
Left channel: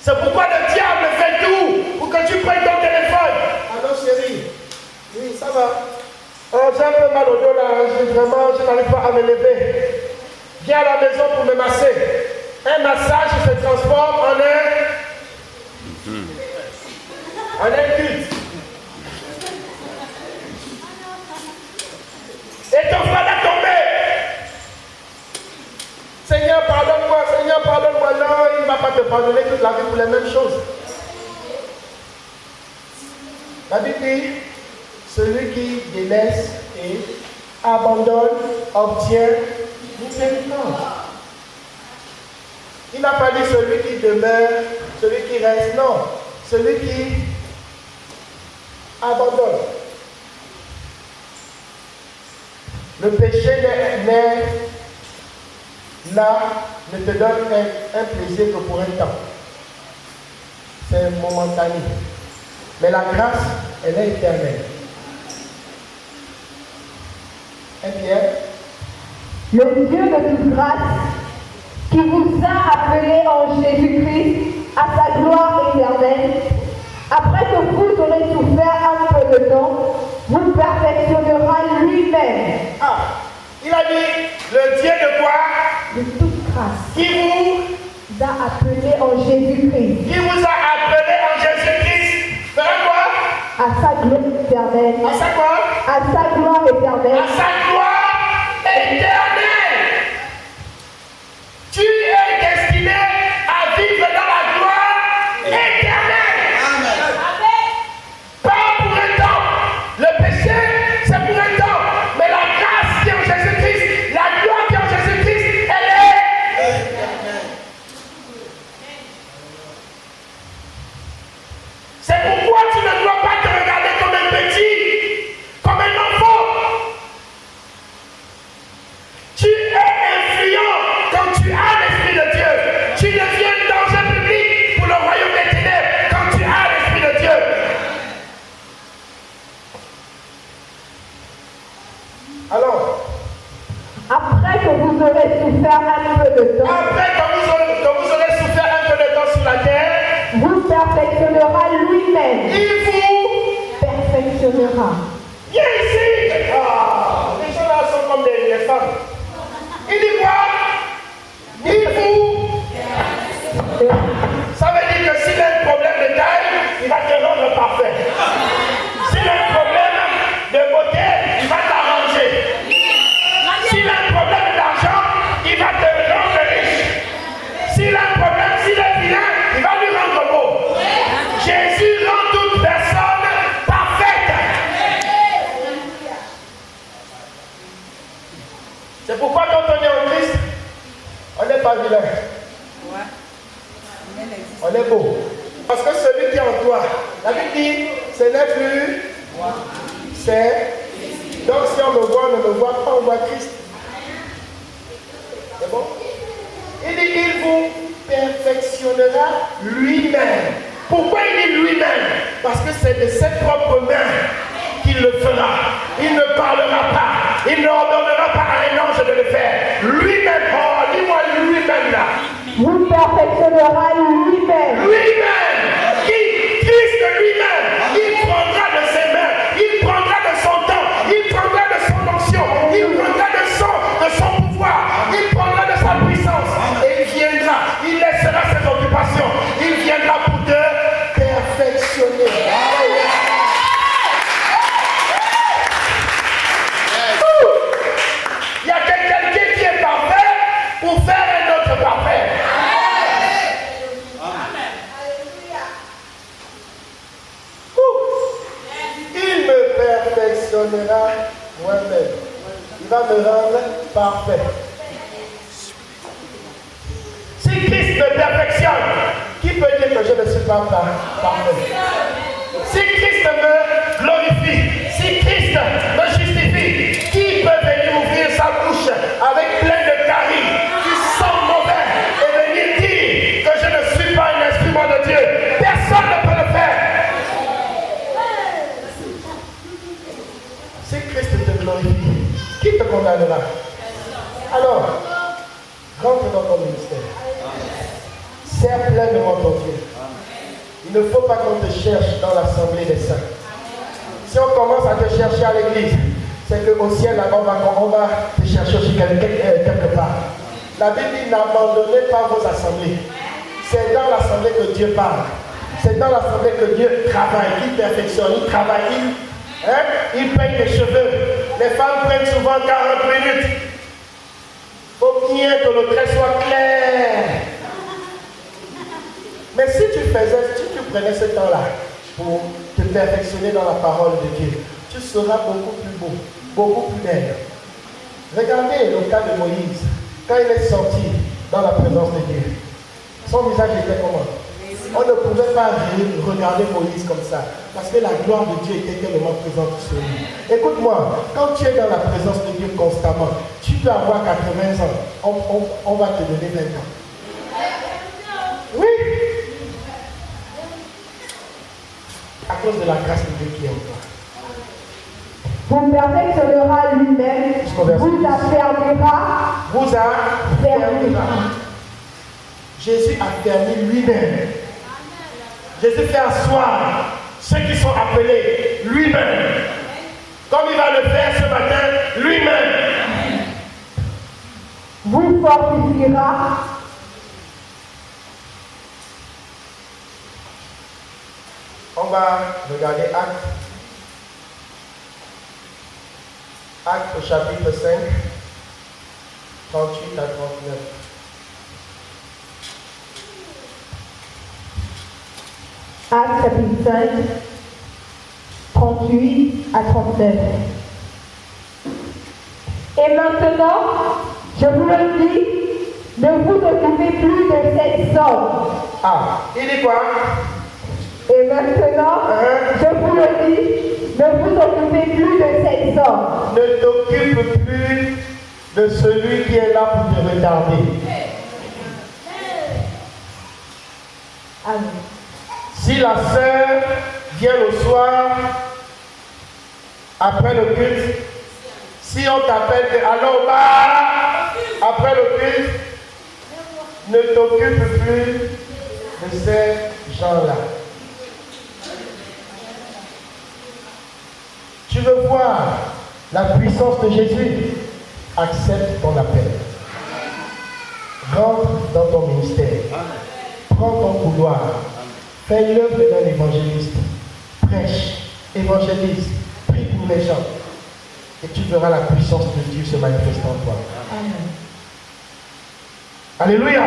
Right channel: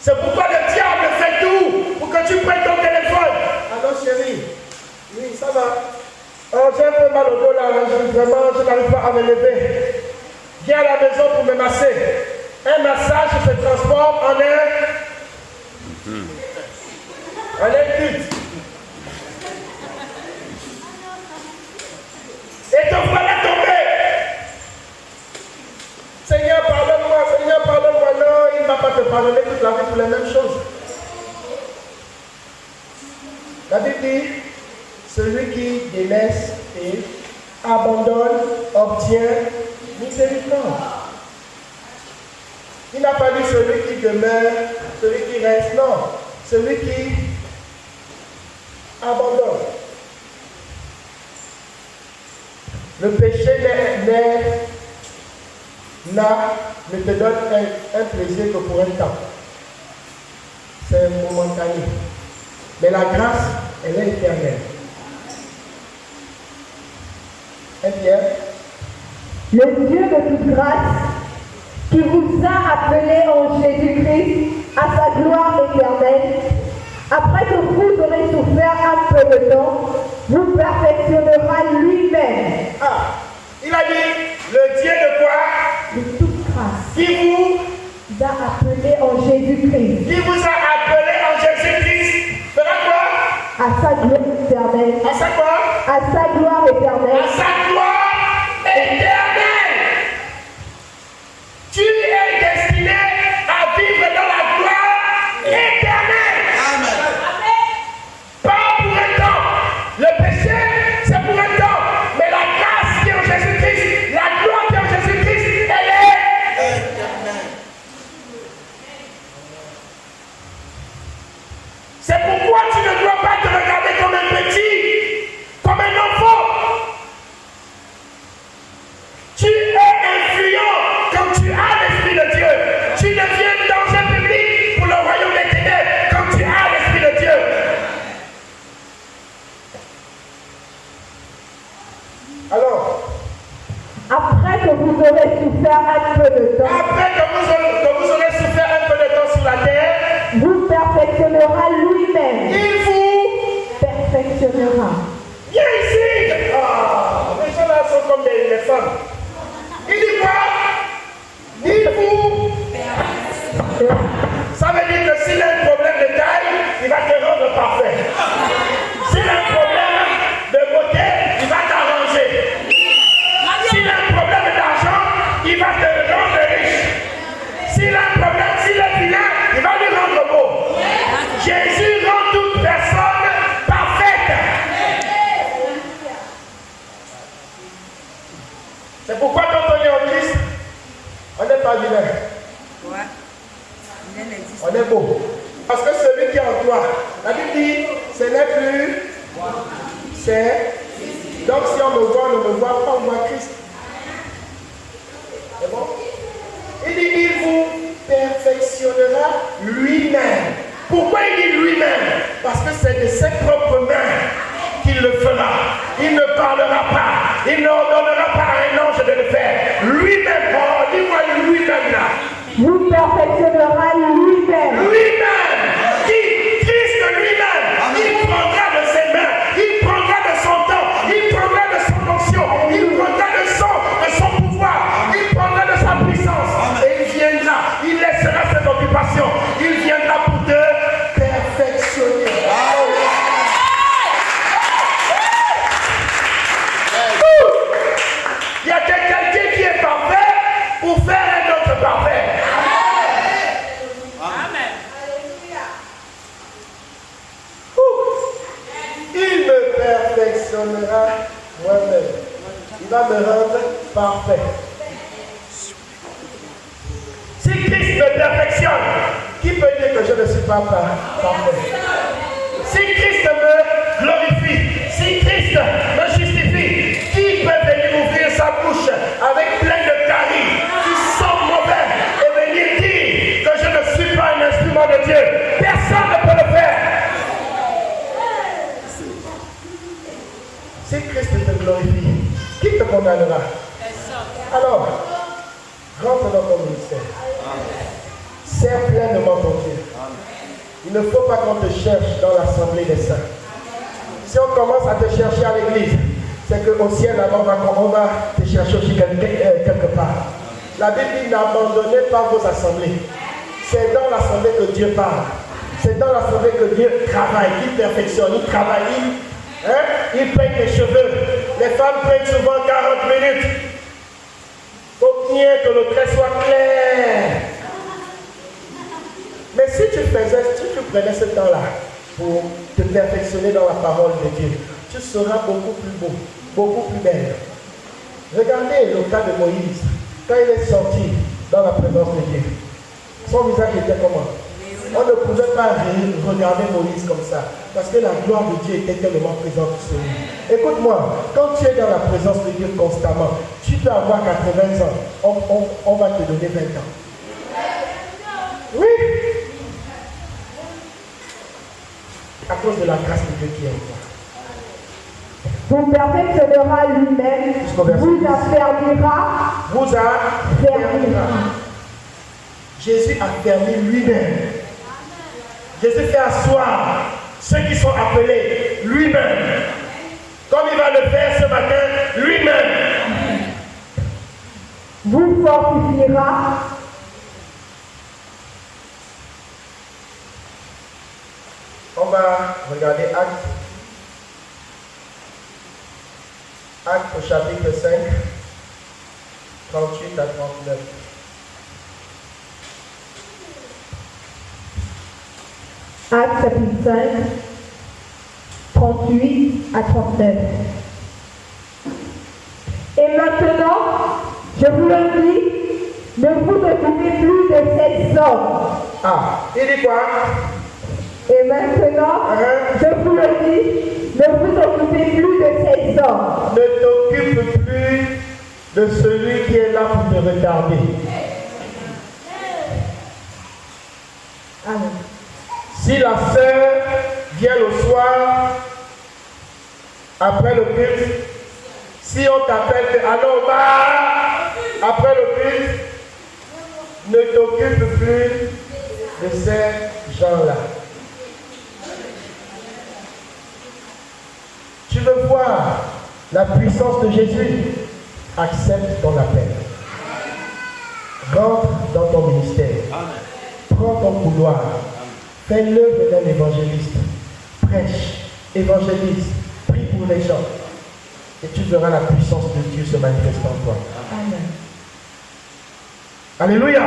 C'est pourquoi le diable fait tout pour que tu prennes ton téléphone. Alors chérie, oui, ça va. Oh, j'ai un peu mal au dos là, je n'arrive pas à me lever. Viens à la maison pour me masser. Un massage se transforme en un culte. Et ton frère est tombé. Seigneur, pardonne-moi, Seigneur, pardonne-moi. Non, il ne va pas te pardonner toute la vie pour les mêmes choses. La Bible dit, celui qui délaisse et abandonne, obtient miséricorde. Il n'a pas dit celui qui demeure, celui qui reste, non. Celui qui abandonne. Le péché n'est là, ne te donne un plaisir que pour un temps. C'est momentané. Mais la grâce, elle est éternelle. Et bien, Le Dieu de toute grâce, qui vous a appelé en Jésus-Christ à sa gloire éternelle, après que vous aurez souffert un peu de temps, vous perfectionnera lui-même. ah, il a dit, le Dieu de quoi? De toute grâce, Qui vous a appelé en Jésus-Christ. a appelé en Jésus-Christ. Ça veut dire que s'il a un problème de taille, il va te rendre parfait. S'il a un problème de beauté, il va t'arranger. S'il a un problème d'argent, il va te rendre riche. S'il a un problème, s'il est bien, il va lui rendre beau. Jésus rend toute personne parfaite. C'est pourquoi quand on est en Christ, on n'est pas vilain. On est beau. Parce que celui qui est en toi, la Bible dit, ce n'est plus, c'est. Donc si on me voit, on ne me voit pas, on voit Christ. C'est bon? Il dit, il vous perfectionnera lui-même. Pourquoi il dit lui-même? Parce que c'est de ses propres mains qu'il le fera. Il ne parlera pas. Il n'ordonnera pas à un ange de le faire. Lui-même, oh, dis-moi lui-même là. Vous perfectionnera lui-même. Lui-même, Christ lui-même, il prendra de ses mains, il prendra de son temps, il prendra de son onction, il prendra de son pouvoir, il prendra de sa puissance et il viendra, il laissera ses occupations, il viendra pour te perfectionner. Il y a quelqu'un qui est parfait pour faire un autre parfait. Il me perfectionnera moi-même. Il va me rendre parfait. Si Christ me perfectionne, qui peut dire que je ne suis pas parfait? Si Christ me glorifie, si Christ me justifie, qui peut venir ouvrir sa bouche avec plein de caries, qui sent mauvais, et venir dire que je ne suis pas un instrument de Dieu? Personne ne peut le faire. Si Christ te glorifie, qui te condamnera? Alors, rentre dans ton ministère. Serre pleinement ton Dieu. Il ne faut pas qu'on te cherche dans l'assemblée des saints. Si on commence à te chercher à l'église, c'est qu'au ciel, là-bas, on va te chercher aussi quelque part. La Bible dit, n'abandonnez pas vos assemblées. C'est dans l'assemblée que Dieu parle. C'est dans l'assemblée que Dieu travaille. Il perfectionne, il travaille, il peigne les cheveux. Les femmes prennent souvent 40 minutes. Il faut que le trait soit clair. Mais si tu prenais ce temps-là pour te perfectionner dans la parole de Dieu, tu seras beaucoup plus beau, beaucoup plus belle. Regardez le cas de Moïse, quand il est sorti dans la présence de Dieu. Son visage était comment? On ne pouvait pas regarder Moïse comme ça, parce que la gloire de Dieu était tellement présente sur lui. Écoute-moi, quand tu es dans la présence de Dieu constamment, tu peux avoir 80 ans, on va te donner 20 ans. Oui. À cause de la grâce de Dieu qui est en toi. Vous perfectionnera lui-même, vous affermira. Jésus a permis lui-même. Jésus fait asseoir ceux qui sont appelés lui-même. Comme il va le faire ce matin, lui-même. Vous fortifiera. On va regarder Actes au chapitre 5, 38 à 39. Actes chapitre 5, 38 à 39. Et maintenant, je vous le dis, ne vous occupez plus de cette somme. Ah, il dit quoi? Et maintenant, je vous le dis, ne vous occupez plus de cette somme. Ne t'occupe plus de celui qui est là pour te regarder. Amen. Si la sœur vient le soir, après le culte, si on t'appelle, allons bas, après le culte, ne t'occupe plus de ces gens-là. Tu veux voir la puissance de Jésus? Accepte ton appel. Rentre dans ton ministère. gloire. Fais l'œuvre d'un évangéliste. Prêche, évangélise, prie pour les gens. Et tu verras la puissance de Dieu se manifester en toi. Amen. Alléluia.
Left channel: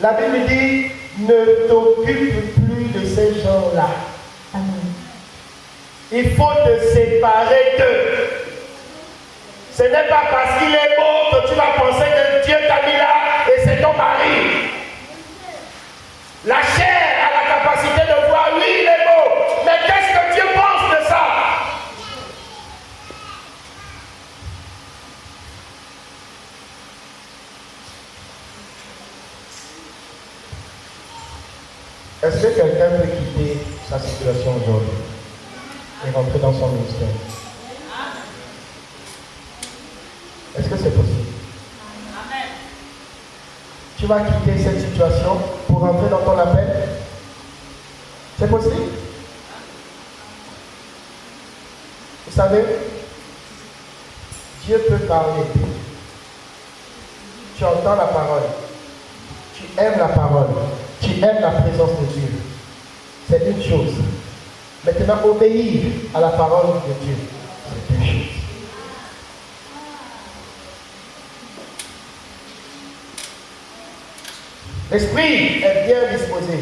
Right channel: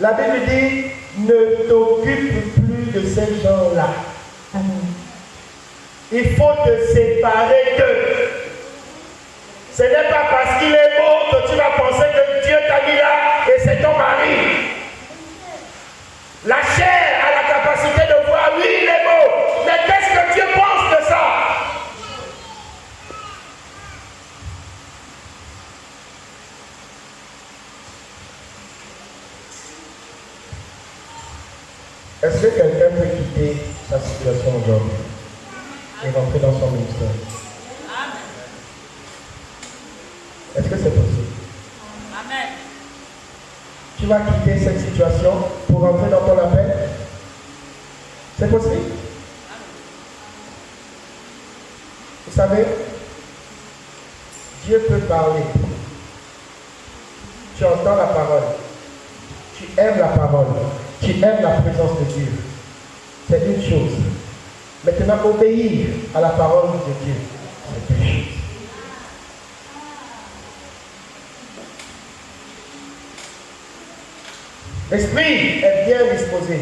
La Bible dit, ne t'occupe plus de ces gens-là. Amen. Il faut te séparer d'eux. Ce n'est pas parce qu'il est beau que tu vas penser que Dieu t'a mis là et c'est ton mari. La chair a la capacité de voir, oui, il est beau, mais qu'est-ce que Dieu pense de ça? Est-ce que quelqu'un peut quitter sa situation aujourd'hui et rentrer dans son ministère? Est-ce que c'est possible? Amen. Tu vas quitter cette situation pour rentrer dans ton appel? C'est possible? Vous savez, Dieu peut parler. Tu entends la parole. Tu aimes la parole. Tu aimes la présence de Dieu. C'est une chose. Maintenant, obéir à la parole de Dieu, c'est deux choses. L'esprit est bien disposé.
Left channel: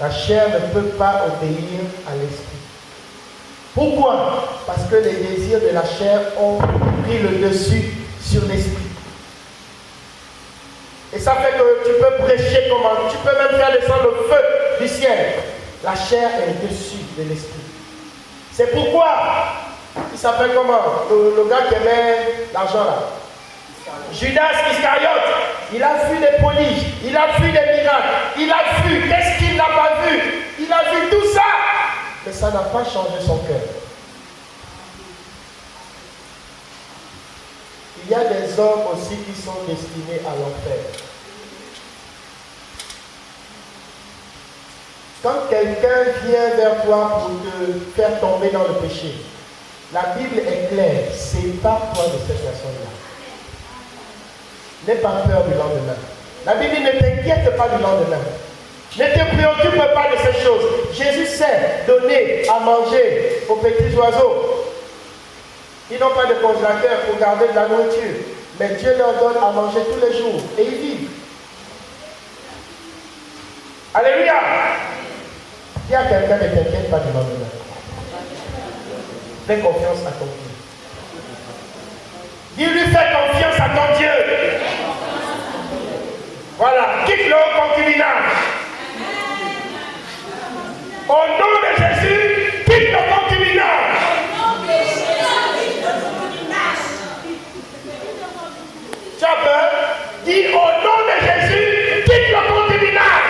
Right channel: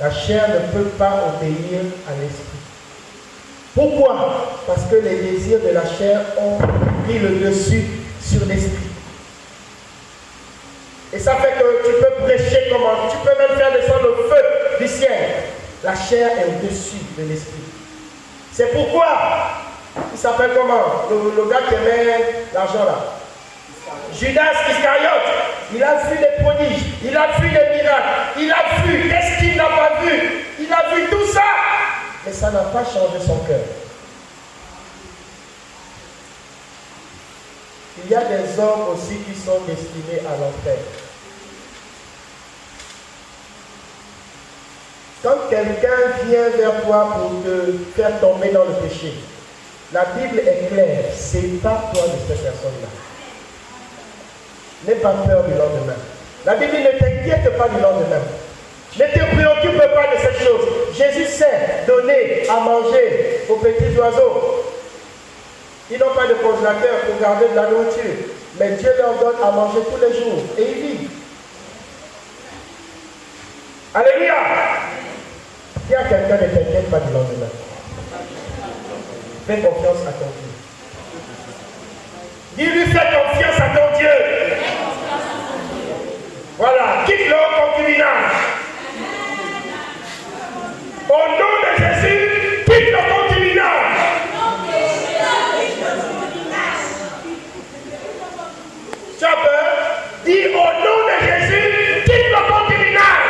La chair ne peut pas obéir à l'esprit. Pourquoi? Parce que les désirs de la chair ont pris le dessus sur l'esprit. Et ça fait que tu peux prêcher comment? Tu peux même faire descendre le feu du ciel. La chair est au-dessus de l'esprit. C'est pourquoi, il s'appelle comment? Le gars qui aimait l'argent là. Judas Iscariote, il a vu des prodiges, il a vu des miracles, il a vu, qu'est-ce qu'il n'a pas vu? Il a vu tout ça, mais ça n'a pas changé son cœur. Il y a des hommes aussi qui sont destinés à l'enfer. Quand quelqu'un vient vers toi pour te faire tomber dans le péché, la Bible est claire, sépare-toi de cette personne-là. N'aie pas peur du lendemain. La Bible ne t'inquiète pas du lendemain. Ne te préoccupe pas de ces choses. Jésus sait donner à manger aux petits oiseaux. Ils n'ont pas de congélateur pour garder de la nourriture. Mais Dieu leur donne à manger tous les jours. Et ils vivent. Alléluia. Dis à quelqu'un, ne t'inquiète pas du lendemain. Fais confiance à ton Dieu. Dis-lui, fais confiance à ton Dieu. Voilà, quitte leur concubinage. Au nom de Jésus, quitte le concubinage. Tu as peur? Dis au nom de Jésus, quitte le concubinage.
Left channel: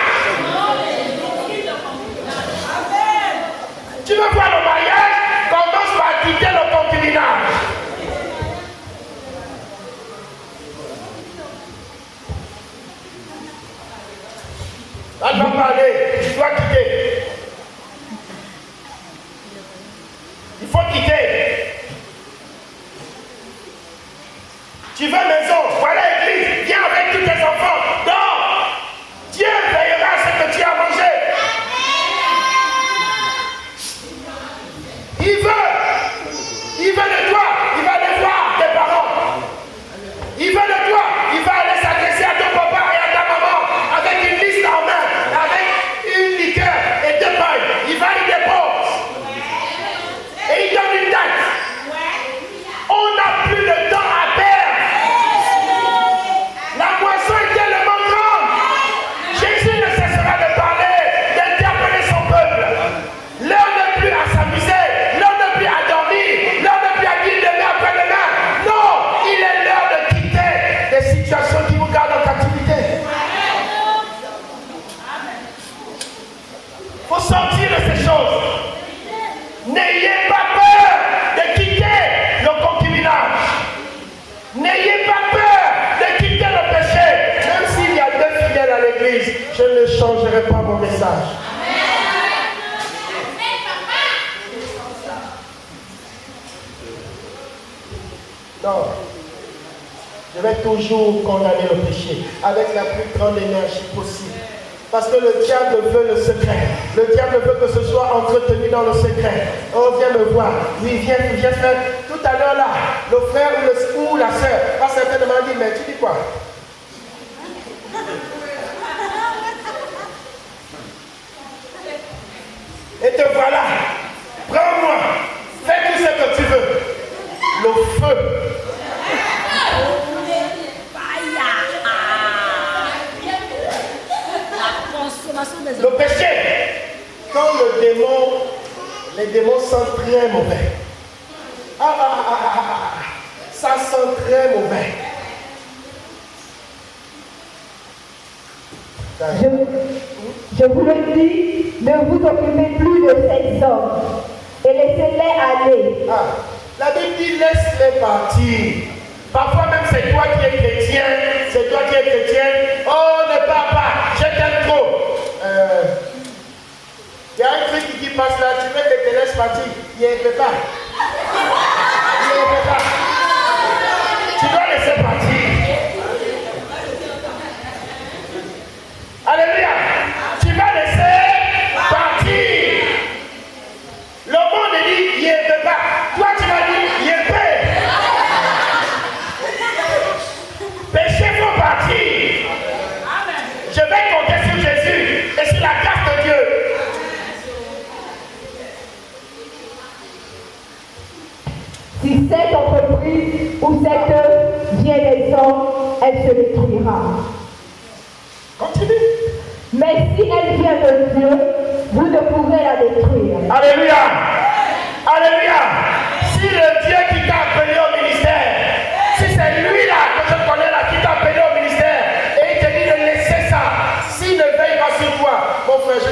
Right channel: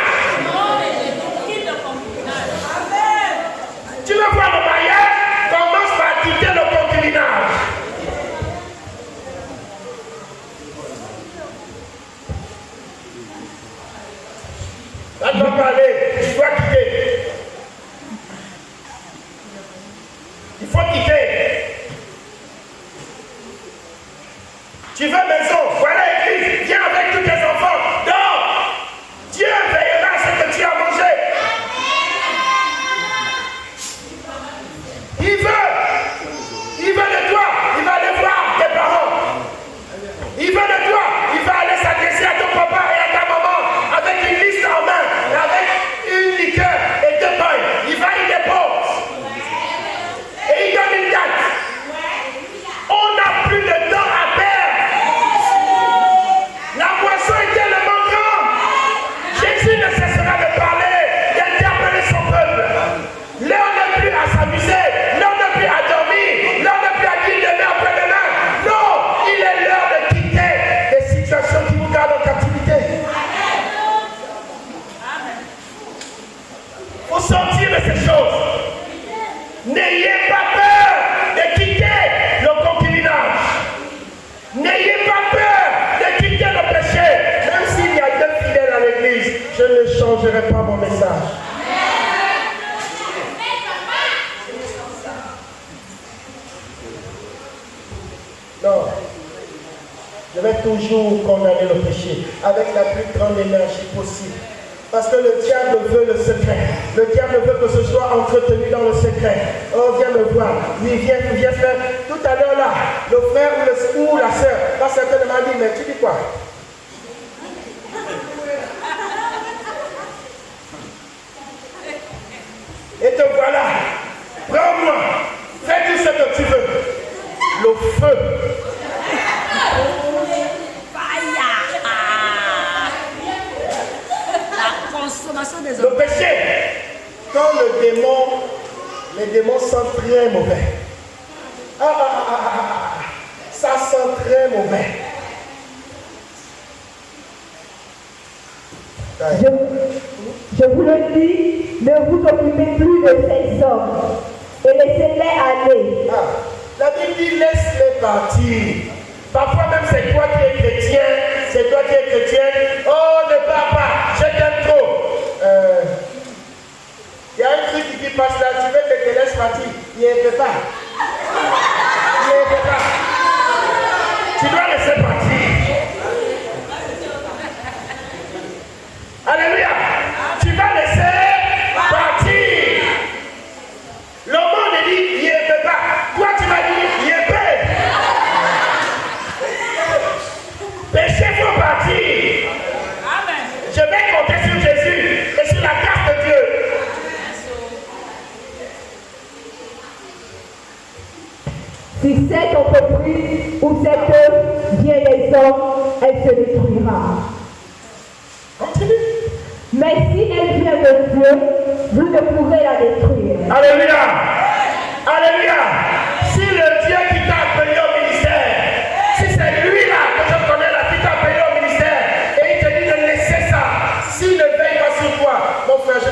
Tu veux voir le mariage? Commence par quitter le concubinage. Là, je vais parler, tu dois quitter. Il faut quitter. Tu veux maison, voilà l'église, viens avec tous tes enfants, dors. Dieu veillera à ce que tu as mangé. Il veut de toi, il va aller voir tes parents. Il veut de toi, il va aller s'adresser à ton papa et à ta maman avec une liste en main, avec une liqueur et 2 pains. Il va y dépose. Et il donne une date. On n'a plus de temps à perdre. La moisson est tellement grande. Jésus ne cessera de parler, d'interpeller son peuple. L'heure n'est plus à s'amuser, l'heure n'est plus à dormir, l'heure n'est plus à dire demain après demain. Non, il est l'heure de quitter des situations qui vous gardent en captivité. Il faut sortir de ces choses. N'ayez pas peur de quitter le concubinage. N'ayez pas peur de quitter le péché. Même s'il y a 2 fidèles à l'église, je ne changerai pas mon message. Non. Je vais toujours condamner le péché avec la plus grande énergie possible. Parce que le diable veut le secret. Le diable veut que ce soit entretenu dans le secret. Oh, viens me voir. Oui, viens faire. Tout à l'heure là, le frère ou la soeur va certainement dire, mais tu dis quoi? Et te voilà. Prends-moi. Fais tout ce que tu veux. Le feu. Le péché, quand les démons sentent très mauvais. Ça sent très mauvais. Je vous le dis, ne vous occupez plus de ces hommes et laissez-les aller. La Bible dit laisse-les partir. Parfois même c'est toi qui es chrétien, c'est toi qui es chrétienne. Oh, ne pars pas, je t'aime trop. Il y a un truc qui passe là, tu veux que te laisses partir. Il n'y a pas. Tu dois laisser partir. Alléluia. Tu vas laisser partir. Le monde dit, il n'y a pas. Toi, tu vas dire, il y a pas. Péché faut partir. Je vais compter sur Jésus et sur la grâce de Dieu. Si cette entreprise ou cette œuvre vient des hommes, elle se détruira. Continue. Mais si elle vient de Dieu, vous ne pourrez la détruire. Alléluia. Alléluia. Si le Dieu qui t'a appelé au ministère, si c'est lui-là que je connais là qui t'a appelé au ministère, et il te dit de laisser ça, s'il ne veille pas sur toi, mon frère, je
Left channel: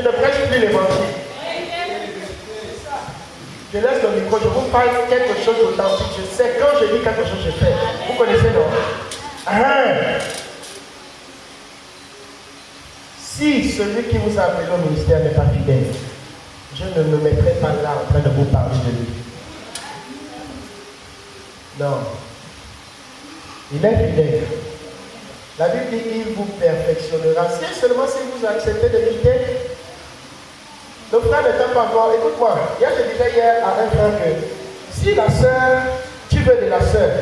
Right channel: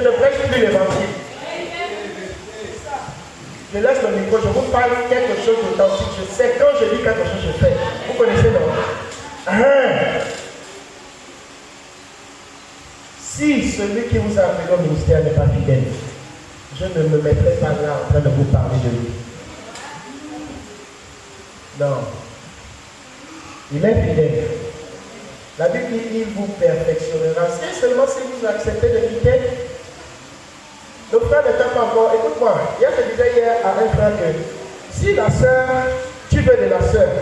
ne prêche plus l'évangile. Je laisse le micro, je vous parle quelque chose d'authentique. Je sais, quand je dis quelque chose, je fais. Vous connaissez, non? Si celui qui vous a appelé au ministère n'est pas fidèle, je ne me mettrai pas là en train de vous parler de lui. Non. Il est fidèle. La Bible dit qu'il vous perfectionnera. Si seulement si vous acceptez de quitter, le frère ne t'aime pas encore. Écoute-moi, hier je disais hier à un frère que si la soeur, tu veux de la soeur,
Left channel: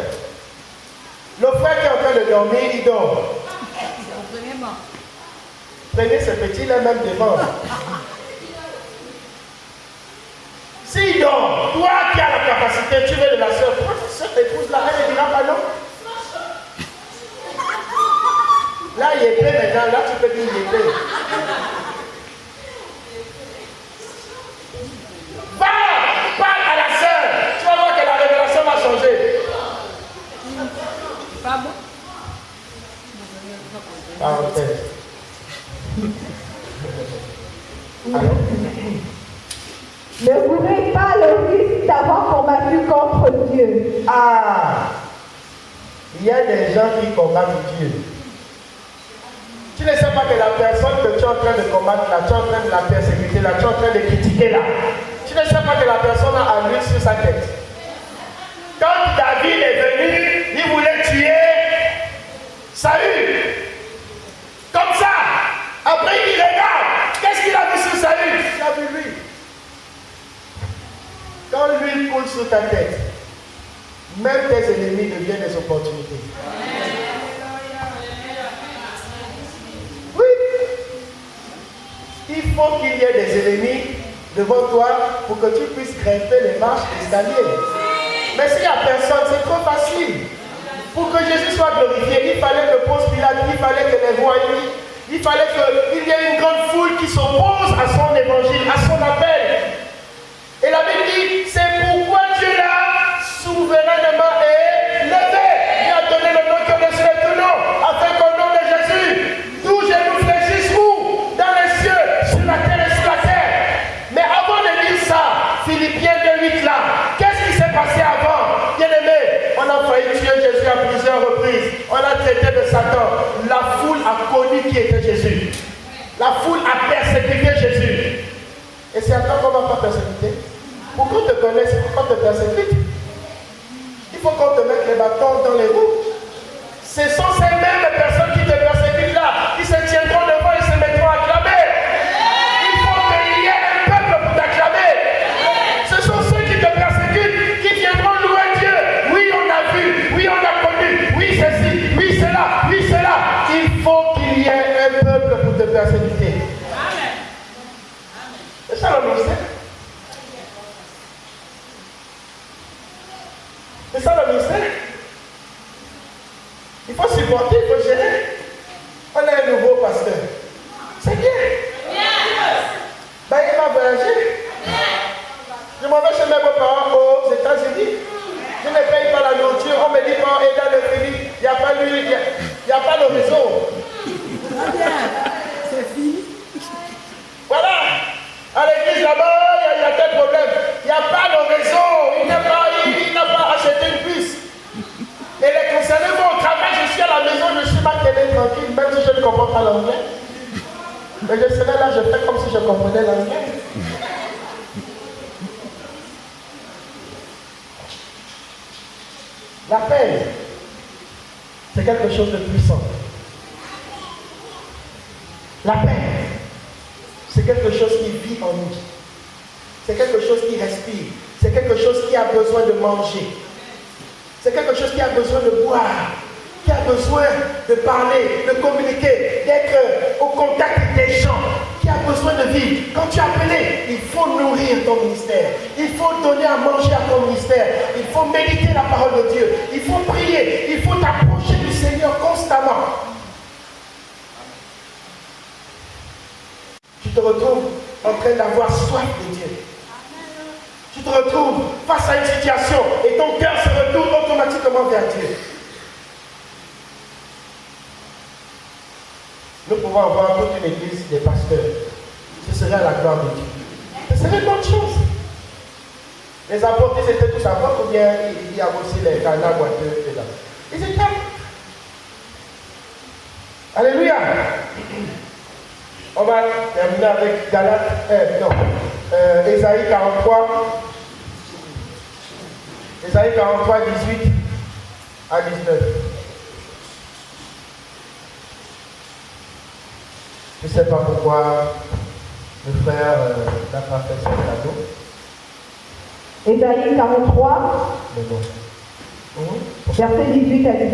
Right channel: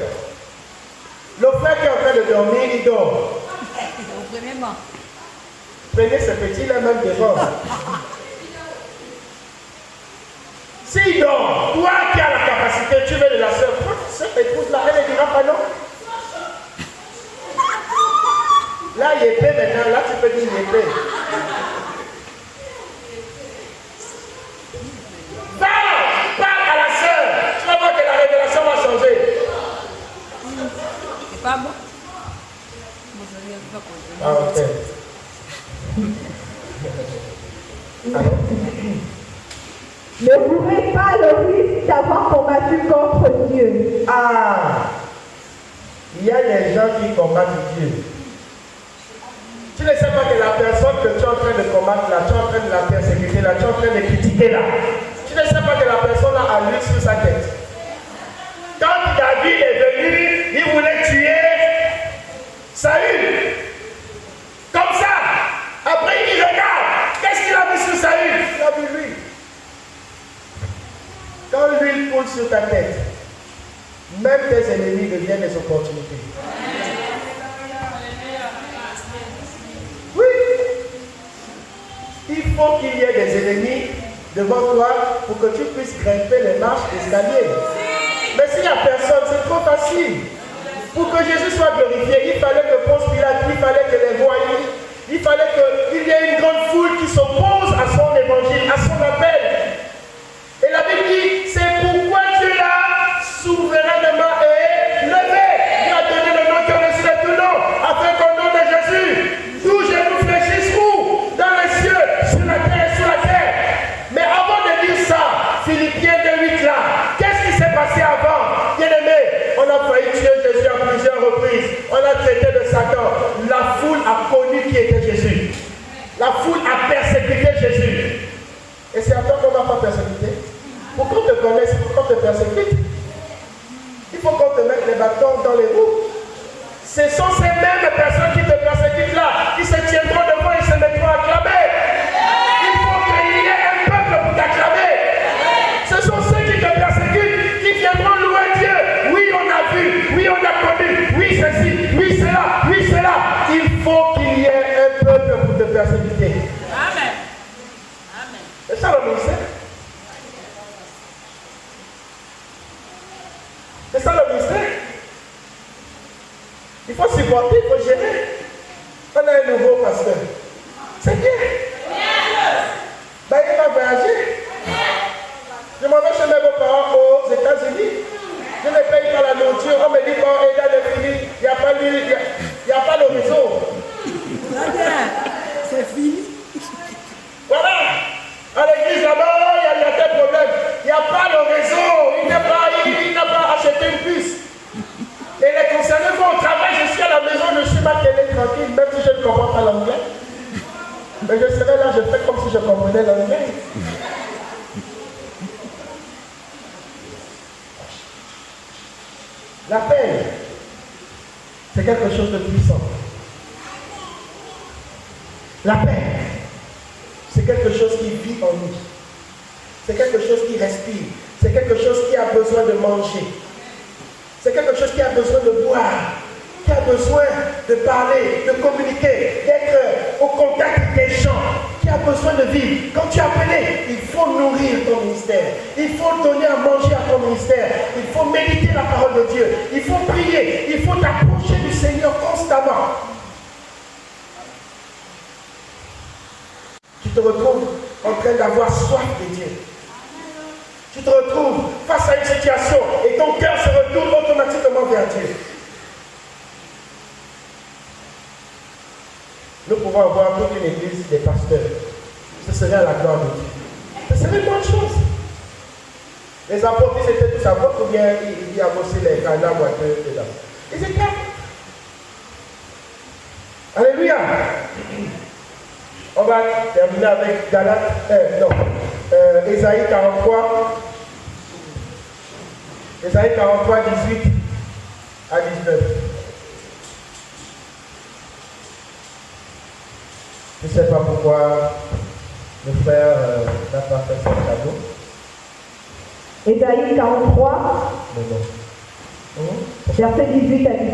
le frère qui est en train de dormir, il dort. Prenez ce petit-là même devant. S'il dort, toi qui as la capacité, tu veux de la soeur, prends cette épouse-là, elle ne dira pas non. Là, il est épais maintenant, là tu peux dire il est épais. Parle à la soeur, tu vas voir que la révélation va changer. C'est pas bon. Parenthèse. Ne courez pas le risque d'avoir combattu contre Dieu. Il y a des gens qui combattent Dieu. Tu ne sais pas que la personne que tu es en train de combattre, là, tu es en train de la persécuter, là, tu es en train de critiquer, là. Tu ne sais pas que la personne a l'huile sur sa tête. Quand David est venu, il voulait tuer Saül. Comme ça. Après, il regarde. Qu'est-ce qu'il a vu sur Saül? Il a vu lui. Quand l'huile coule sur ta tête, même tes ennemis deviennent des opportunités. Oui. Il faut qu'il y ait des ennemis devant toi pour que tu puisses grimper les marches d'escalier. Mais s'il n'y a personne, c'est trop facile. Pour que Jésus soit glorifié, il fallait que Ponce Pilate, il fallait que les rois, il fallait qu'il y ait une grande foule qui s'oppose à son évangile, à son appel. Et la Bible dit, c'est pourquoi Dieu l'a souverainement élevé. Il a donné le nom qui est au-dessus de tout nom, afin qu'au nom de Jésus, tous genoux fléchissent où? Dans les cieux, sur la terre et sous la terre. Mais avant de dire ça, Philippiens 2:8 là, qu'est-ce qui s'est passé avant? Bien aimé, on a failli tuer Jésus à plusieurs reprises. On a traité de Satan. La foule a connu qui était Jésus. La foule a persécuté sont ces mêmes personnes qui te persécutent là, qui se tiendront devant et se mettront à acclamer. Il faut qu'il y ait un peuple pour t'acclamer. Ce sont ceux qui te persécutent, qui viendront louer Dieu. Oui, on a vu, oui, on a connu, oui, ceci, oui, cela, oui, cela. Il faut qu'il y ait un peuple pour te persécuter. C'est ça le ministère. C'est ça le ministère. Il faut supporter, il faut gérer. On a un nouveau pasteur. C'est bien. D'ailleurs, il va voyager. Je m'en vais chez mes beaux-parents aux États-Unis. Je ne paye pas la nourriture. On me dit pas, et dans le fini, il n'y a pas lui, il n'y a pas le réseau. C'est fini. Voilà. À l'église là-bas, il y a tel problème. Il n'y a pas le réseau. Il n'a pas acheté une puce. Et les concernés vont au travail jusqu'à la maison. Je suis ma télé tranquille, même si je ne comprends pas l'anglais. Mais je serai là, je fais comme si je comprenais l'anglais. La paix, c'est quelque chose de puissant. La paix, c'est quelque chose qui vit en nous. C'est quelque chose qui respire. C'est quelque chose qui a besoin de manger. C'est quelque chose qui a besoin de boire. Qui a besoin de parler, de communiquer, d'être au contact des gens. Qui a besoin de vivre. Quand tu es appelé, il faut nourrir ton ministère. Il faut donner à manger à ton ministère. Il faut méditer la parole de Dieu. Il faut prier. Il faut t'approcher du Seigneur constamment. Tu te retrouves en train d'avoir soif de Dieu. Tu te retrouves face à une situation et ton cœur se retourne automatiquement vers Dieu. Nous pouvons avoir toute une église des pasteurs. Ce serait la gloire de Dieu. Ce serait une bonne chose. Les apôtres, ils étaient tous apôtres ou bien ils y avaient aussi les candidats boiteux dedans. Ils étaient. Alléluia. On va terminer avec Ésaïe 43. Ésaïe 43, 18 à 19. Je ne sais pas pourquoi le frère n'a pas fait son cadeau. Ésaïe 43, verset 18 à 19.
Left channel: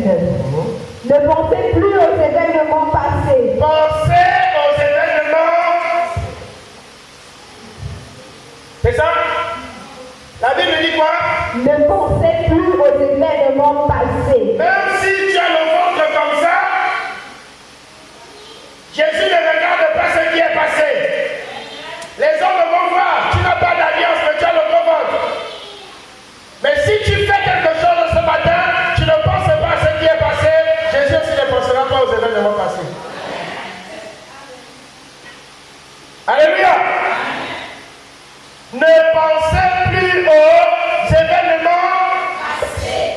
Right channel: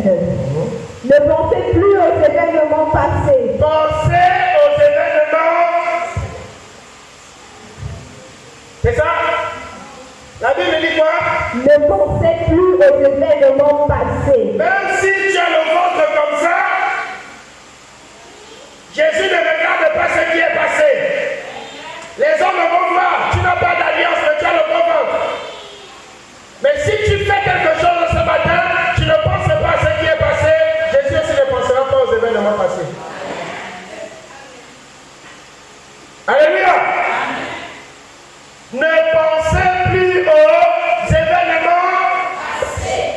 Ne pensez plus aux événements passés. Pensez aux événements. C'est ça? La Bible dit quoi? Ne pensez plus aux événements passés. Même si tu as le ventre comme ça, Jésus ne regarde pas ce qui est passé. Les hommes vont voir, tu n'as pas d'alliance, mais tu as le bon ventre. Mais si tu fais quelque chose ce matin, tu ne penses pas à ce qui est passé, Jésus aussi ne pensera pas aux événements passés. Alléluia. Ne pensez plus aux événements passés.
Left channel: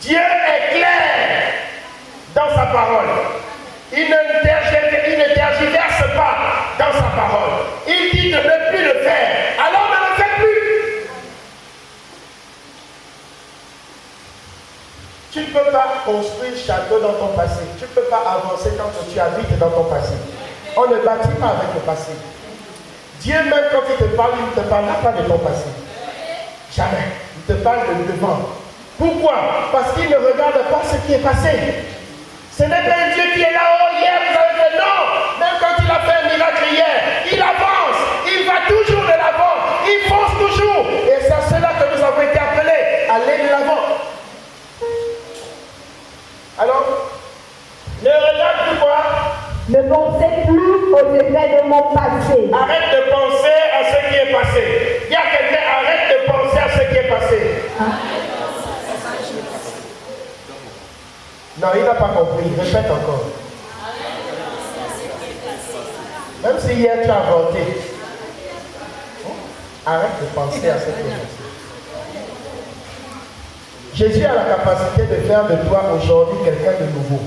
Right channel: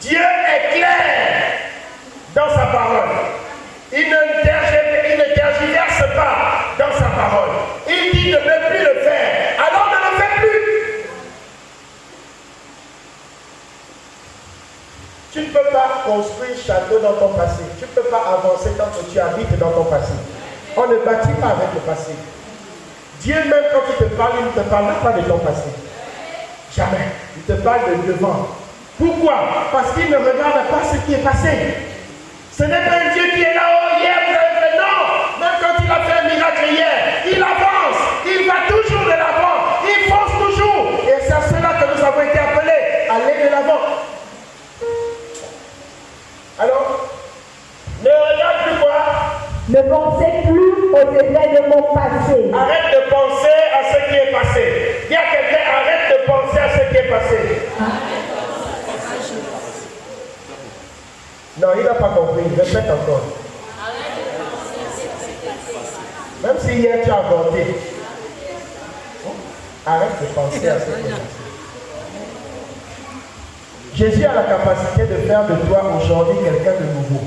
Dieu est clair dans sa parole. Il ne tergiverse pas dans sa parole. Il dit de ne plus le faire. Alors ne le fais plus. Tu ne peux pas construire château dans ton passé. Tu ne peux pas avancer tant que tu habites dans ton passé. On ne bâtit pas avec le passé. Dieu même quand il te parle, il ne te parle pas de ton passé. Jamais. Il te parle de devant. Pourquoi? Parce qu'il ne regarde pas ce qui est passé. Ce n'est pas un Dieu qui est là-haut, hier vous avez fait non. Même quand il a fait un miracle hier, il avance, il va toujours de l'avant, il fonce toujours. Et c'est à cela que nous avons été appelés, à aller de l'avant. Alors, ne regarde plus quoi? Ne pensez plus aux événements passés. Arrête de penser à ce qui est passé. Dis à quelqu'un, arrête de penser à ce qui est passé. Non, il n'a pas compris. Répète encore. Même si hier tu as avorté. Arrête de penser à ce qui est passé. Jésus a la capacité de faire de toi aujourd'hui quelqu'un de nouveau.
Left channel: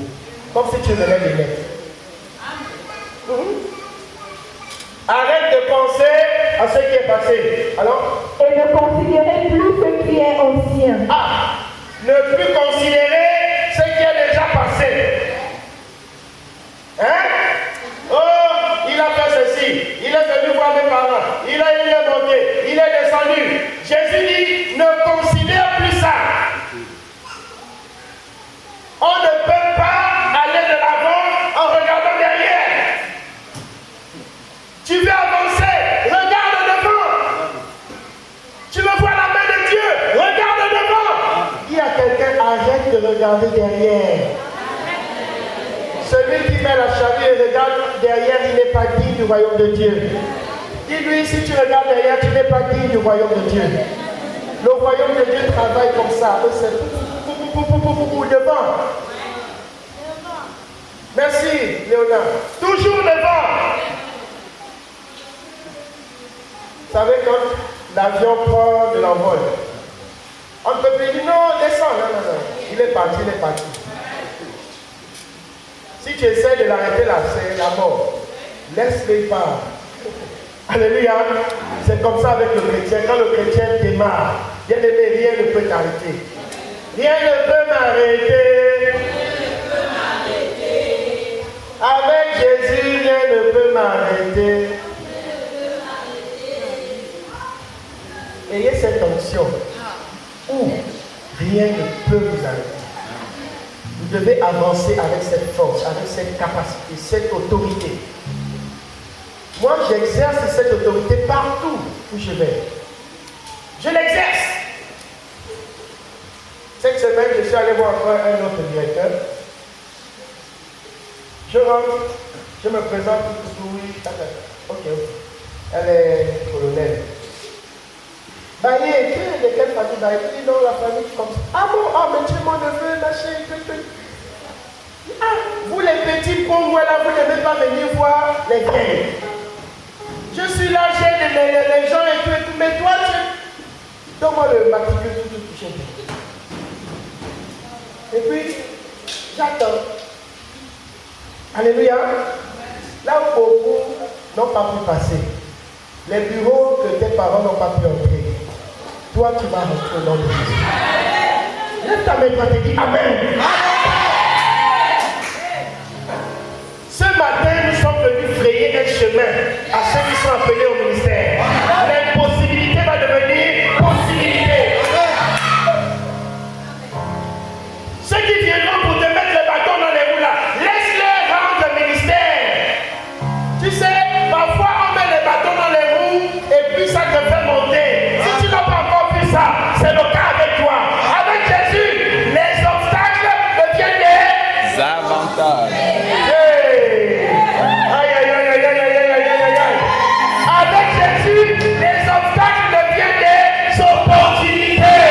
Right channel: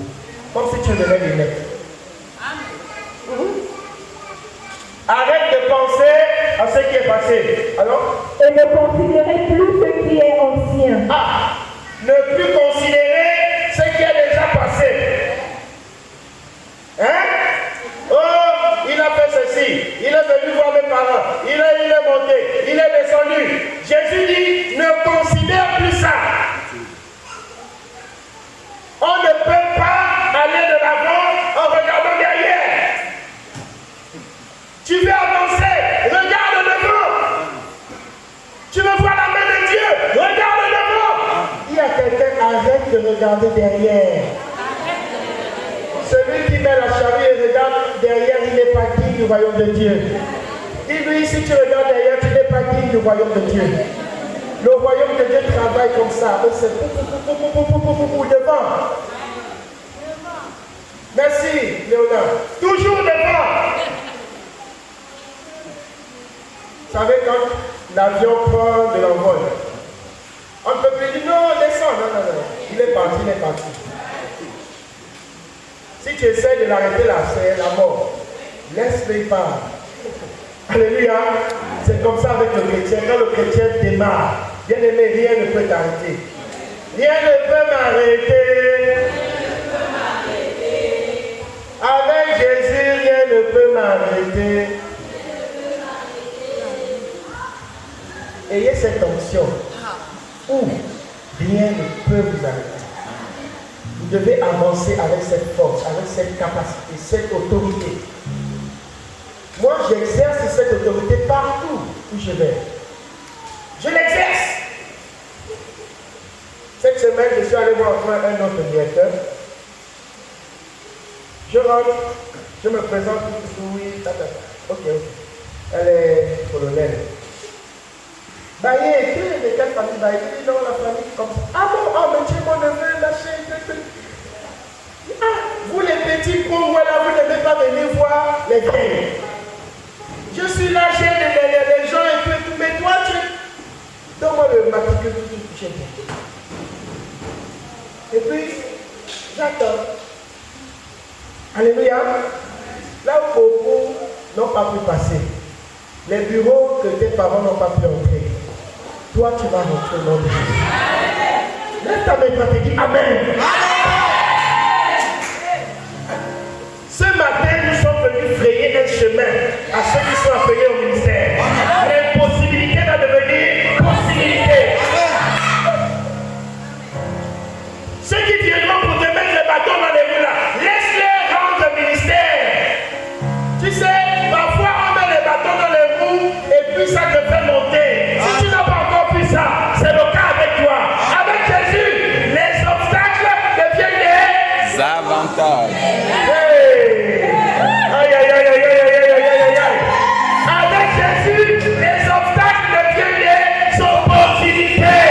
Comme si tu venais de naître. Arrête de penser à ce qui est passé. Alors? Et ne considérez plus ce qui est ancien. Ah! Ne plus considérer ce qui est déjà derrière, il n'est pas digne du royaume de Dieu. Dis-lui, si tu regardes derrière, tu n'es pas digne du royaume de Dieu. Le royaume de Dieu travaille comme ça. C'est devant. Merci, Léonard. Toujours devant. Vous savez, quand l'avion prend de l'envol, on ne peut plus dire non, descends. Non. Il est parti. Si tu essaies de l'arrêter là, c'est la mort. Laisse-le pas. Alléluia. C'est comme ça avec le chrétien. Quand le chrétien démarre, bien aimé, rien ne peut t'arrêter. Rien ne peut m'arrêter. Avec Jésus, rien ne peut m'arrêter. Ayez cette onction où rien ne peut vous arrêter. Vous devez avancer avec cette force, avec cette capacité, cette autorité. Moi, j'exerce cette autorité partout où je vais. Je l'exerce. Cette semaine, je suis allé voir encore un autre directeur. Je rentre, je me présente, oui, ok. Elle est colonelle. Baye, qui est de quelle famille? Baye, non, la famille comme ça. Ah bon, oh, mais tu es mon neveu, ma chérie. Ah, vous les petits pauvres, voilà, vous ne devez pas venir voir les vieilles. Je suis là, j'ai les gens et tout, mais toi, tu... Donne-moi le matricule, tout touché. Et puis, j'attends. Alléluia. Là où beaucoup n'ont pas pu passer. Les bureaux que tes parents n'ont pas pu entrer. Toi, tu vas rentrer au nom de Jésus. Lève ta main, toi, tu dis Amen. Ce matin, nous sommes venus frayer un chemin à ceux qui sont appelés au ministère. L'impossibilité va devenir possibilité. Ceux qui viendront pour te mettre le bâton dans les roues là, laisse-les rendre le ministère. Tu sais, parfois on met les bâtons dans les roues et puis ça te fait monter. Si tu n'as pas encore vu ça, c'est le cas avec toi. Avec Jésus, les obstacles deviennent des avantages. Avec Jésus, les obstacles deviennent des opportunités.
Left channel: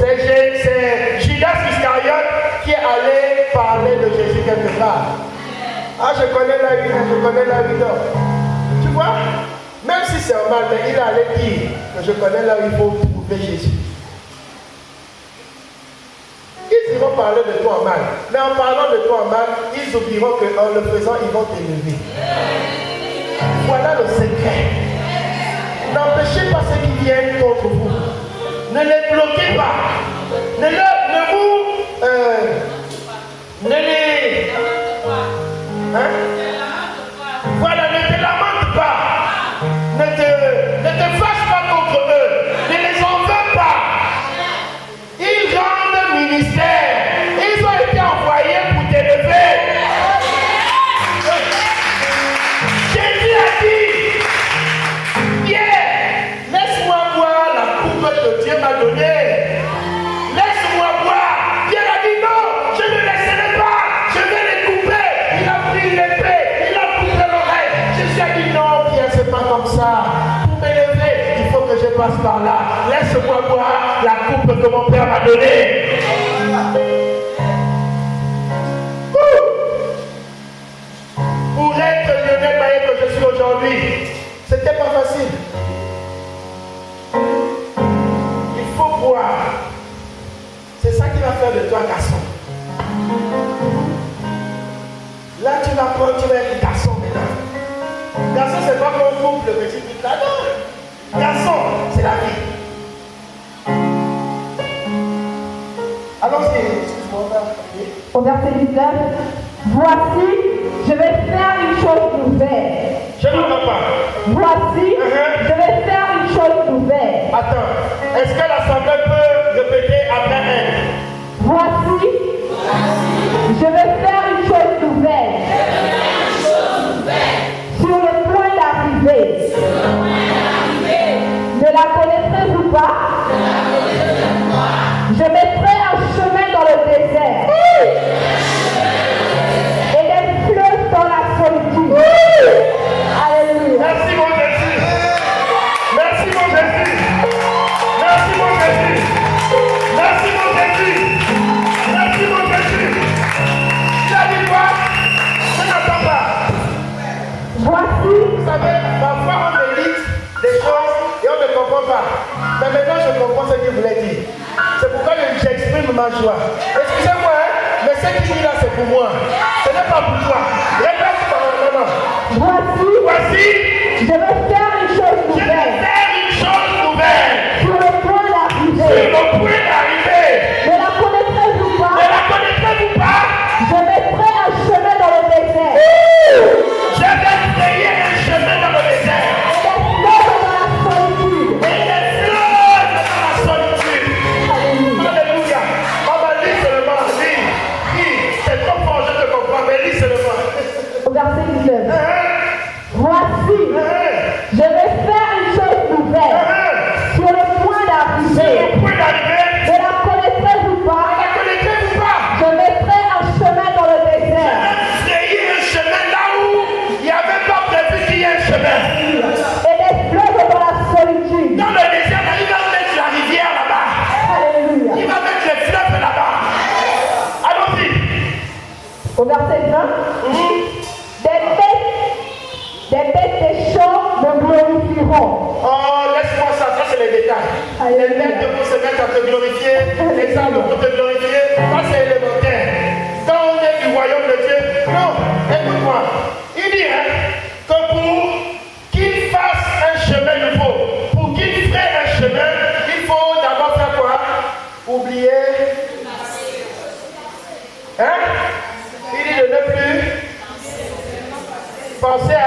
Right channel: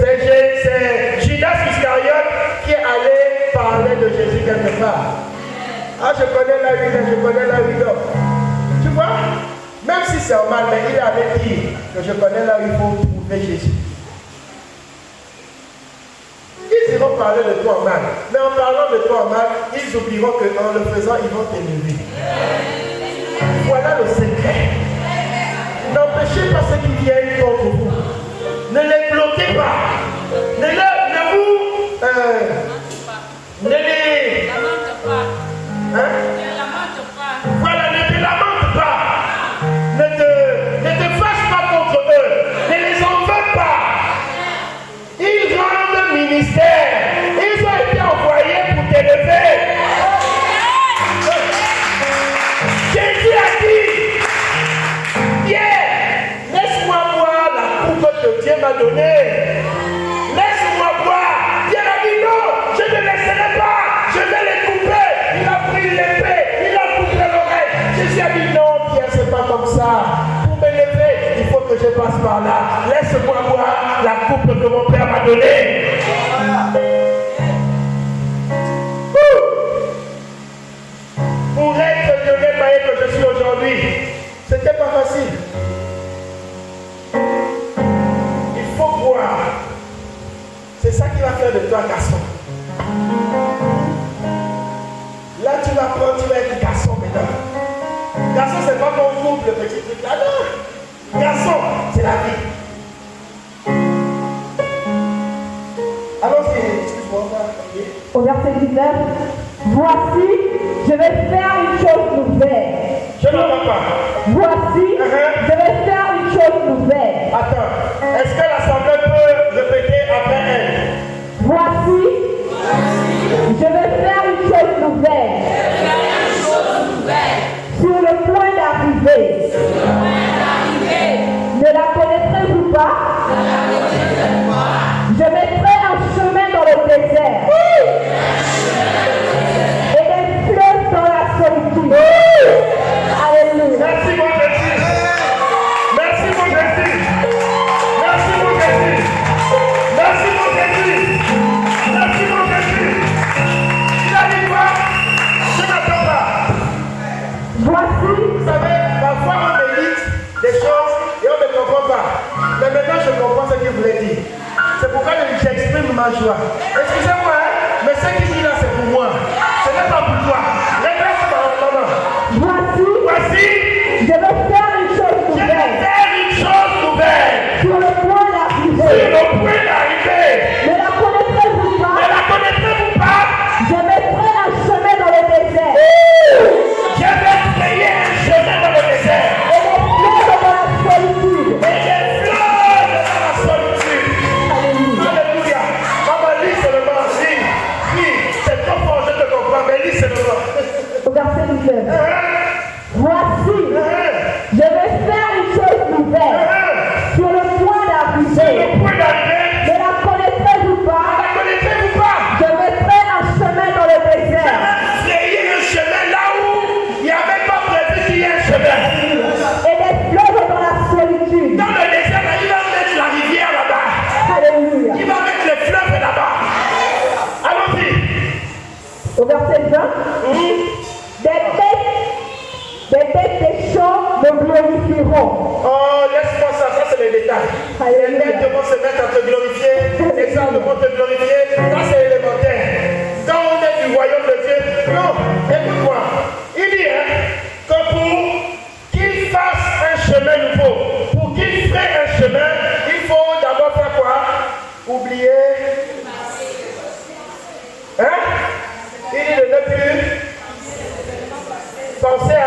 C'est Judas Iscariote qui est allé parler de Jésus quelque part. Ah, je connais la vie, Tu vois, même si c'est mal, mais il est allé dire que je connais là où il faut trouver Jésus. Ils iront parler de toi en mal. Mais en parlant de toi en mal, ils oublieront qu'en le faisant, ils vont t'élever. Voilà le secret. N'empêchez pas ceux qui viennent contre vous. Ne les bloquez pas. Ne les... Voilà, ne te lamente pas. Ne te fâche pas contre eux. Ne les en veux pas. Ils rendent ministère. Ils ont été envoyés pour t'élever. Jésus a dit, laisse-moi voir la coupe que Dieu m'a donnée. Laisse-moi voir. Dieu a dit non, je ne laisserai pas. Je vais les couper. Il a pris l'épée. Il a coupé l'oreille. Jésus a dit non, Pierre, c'est pas comme ça. Pour m'élever, il faut que je passe par là. Laisse-moi voir la coupe que mon Père m'a donnée. Pour être le Lionel Maillet que je suis aujourd'hui, c'était pas facile. Il faut croire. C'est ça qui va faire de toi garçon. Là, tu vas prendre, tu vas être garçon maintenant. Garçon, c'est pas comme vous, le petit truc là. Non. Garçon, c'est la vie. Allons-y, excuse-moi. Au verset 19, voici, je vais faire une chose nouvelle. Je n'entends pas. Voici, je vais faire une chose nouvelle. Attends, est-ce que l'assemblée peut répéter après elle? Voici, je vais faire une chose nouvelle. Sur le point d'arriver. Ne la connaîtrez-vous pas? Je mettrai un chemin dans le désert. ma joie. Excusez-moi, hein, mais ce qu'il dit là, c'est pour moi. Ce n'est pas pour toi. Répète par maman. Voici, je vais faire une chose je vais nouvelle. faire une chose nouvelle. Sur le point d'arriver. Sur le point d'arriver. Ne la connaissez-vous pas? Ne la connaissez-vous pas? Je mettrai un chemin dans le désert. Je vais créer un chemin dans le désert. Et des fleurs dans la solitude. Et des fleurs dans la solitude. Alléluia. Maman, lis seulement. Lis. C'est trop fort, je te comprends, mais lis seulement. Au verset 19. Voici, je vais faire une chose nouvelle. Sur le point C'est d'arriver. le point d'arriver. Ne la connaissez-vous pas? Ne la connaissez-vous pas? Je mettrai un chemin dans le désert. Créer un chemin là où il n'y avait pas prévu qu'il y ait un chemin. Et des fleuves dans la solitude. Dans le désert, là, il va mettre la rivière là-bas. Alléluia. Il va mettre les fleuves là-bas. Allons-y. Au verset 20. Des bêtes des champs me glorifieront. Oh, laisse-moi ça, ça c'est les détails. Les Alléluia. bêtes vont se mettre à te glorifier, les arbres vont te glorifier, ça c'est élémentaire. Quand on est du royaume de Dieu, non, écoute-moi. Il dit que pour qu'il fasse un chemin nouveau, pour qu'il fasse un chemin, il faut d'abord faire quoi? Oublier. Hein? Il dit de ne plus penser à.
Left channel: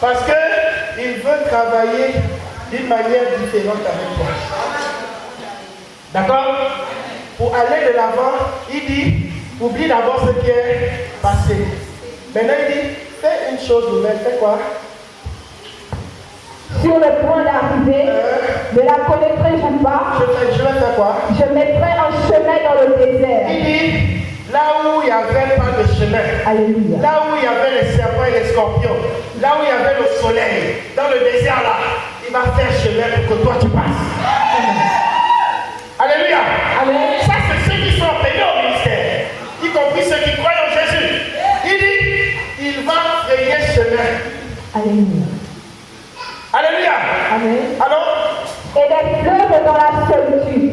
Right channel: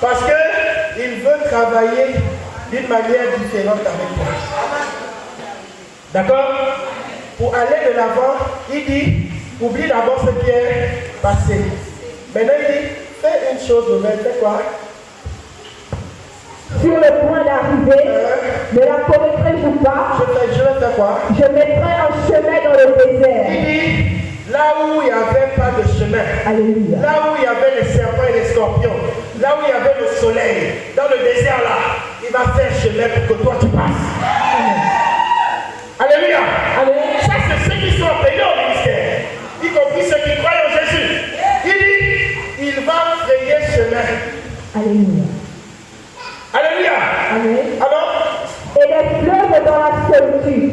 Parce qu'il veut travailler d'une manière différente avec toi. D'accord? Pour aller de l'avant, il dit, oublie d'abord ce qui est passé. Maintenant, il dit, fais une chose nouvelle. Fais quoi? Sur le point d'arriver, ne la connaîtrai-vous pas? Je vais faire quoi? Je mettrai un chemin dans le désert. Il dit, là où il n'y avait pas de chemin, Alléluia. là où il y avait les serpents et les scorpions, là où il y avait le soleil, dans le désert là, il va faire chemin pour que toi tu passes. Alléluia. Amen. Ça c'est ceux qui sont appelés au ministère, y compris ceux qui croient en Jésus. Il dit, il va créer chemin. Alléluia. Alléluia. Amen. Alors, Et des fleuves dans la solitude.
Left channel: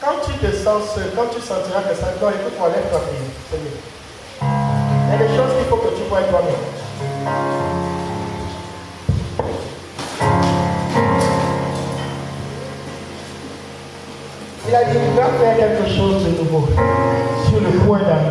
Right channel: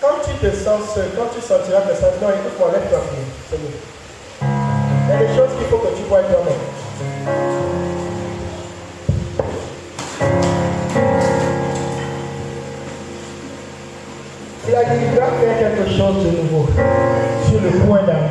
quand tu te sens seul, quand tu sentiras que ça, non, écoute-moi, lève-toi, c'est mieux. Il y a des choses qu'il faut que tu vois toi-même. Il a dit, il va faire quelque chose de nouveau sur le point d'arriver.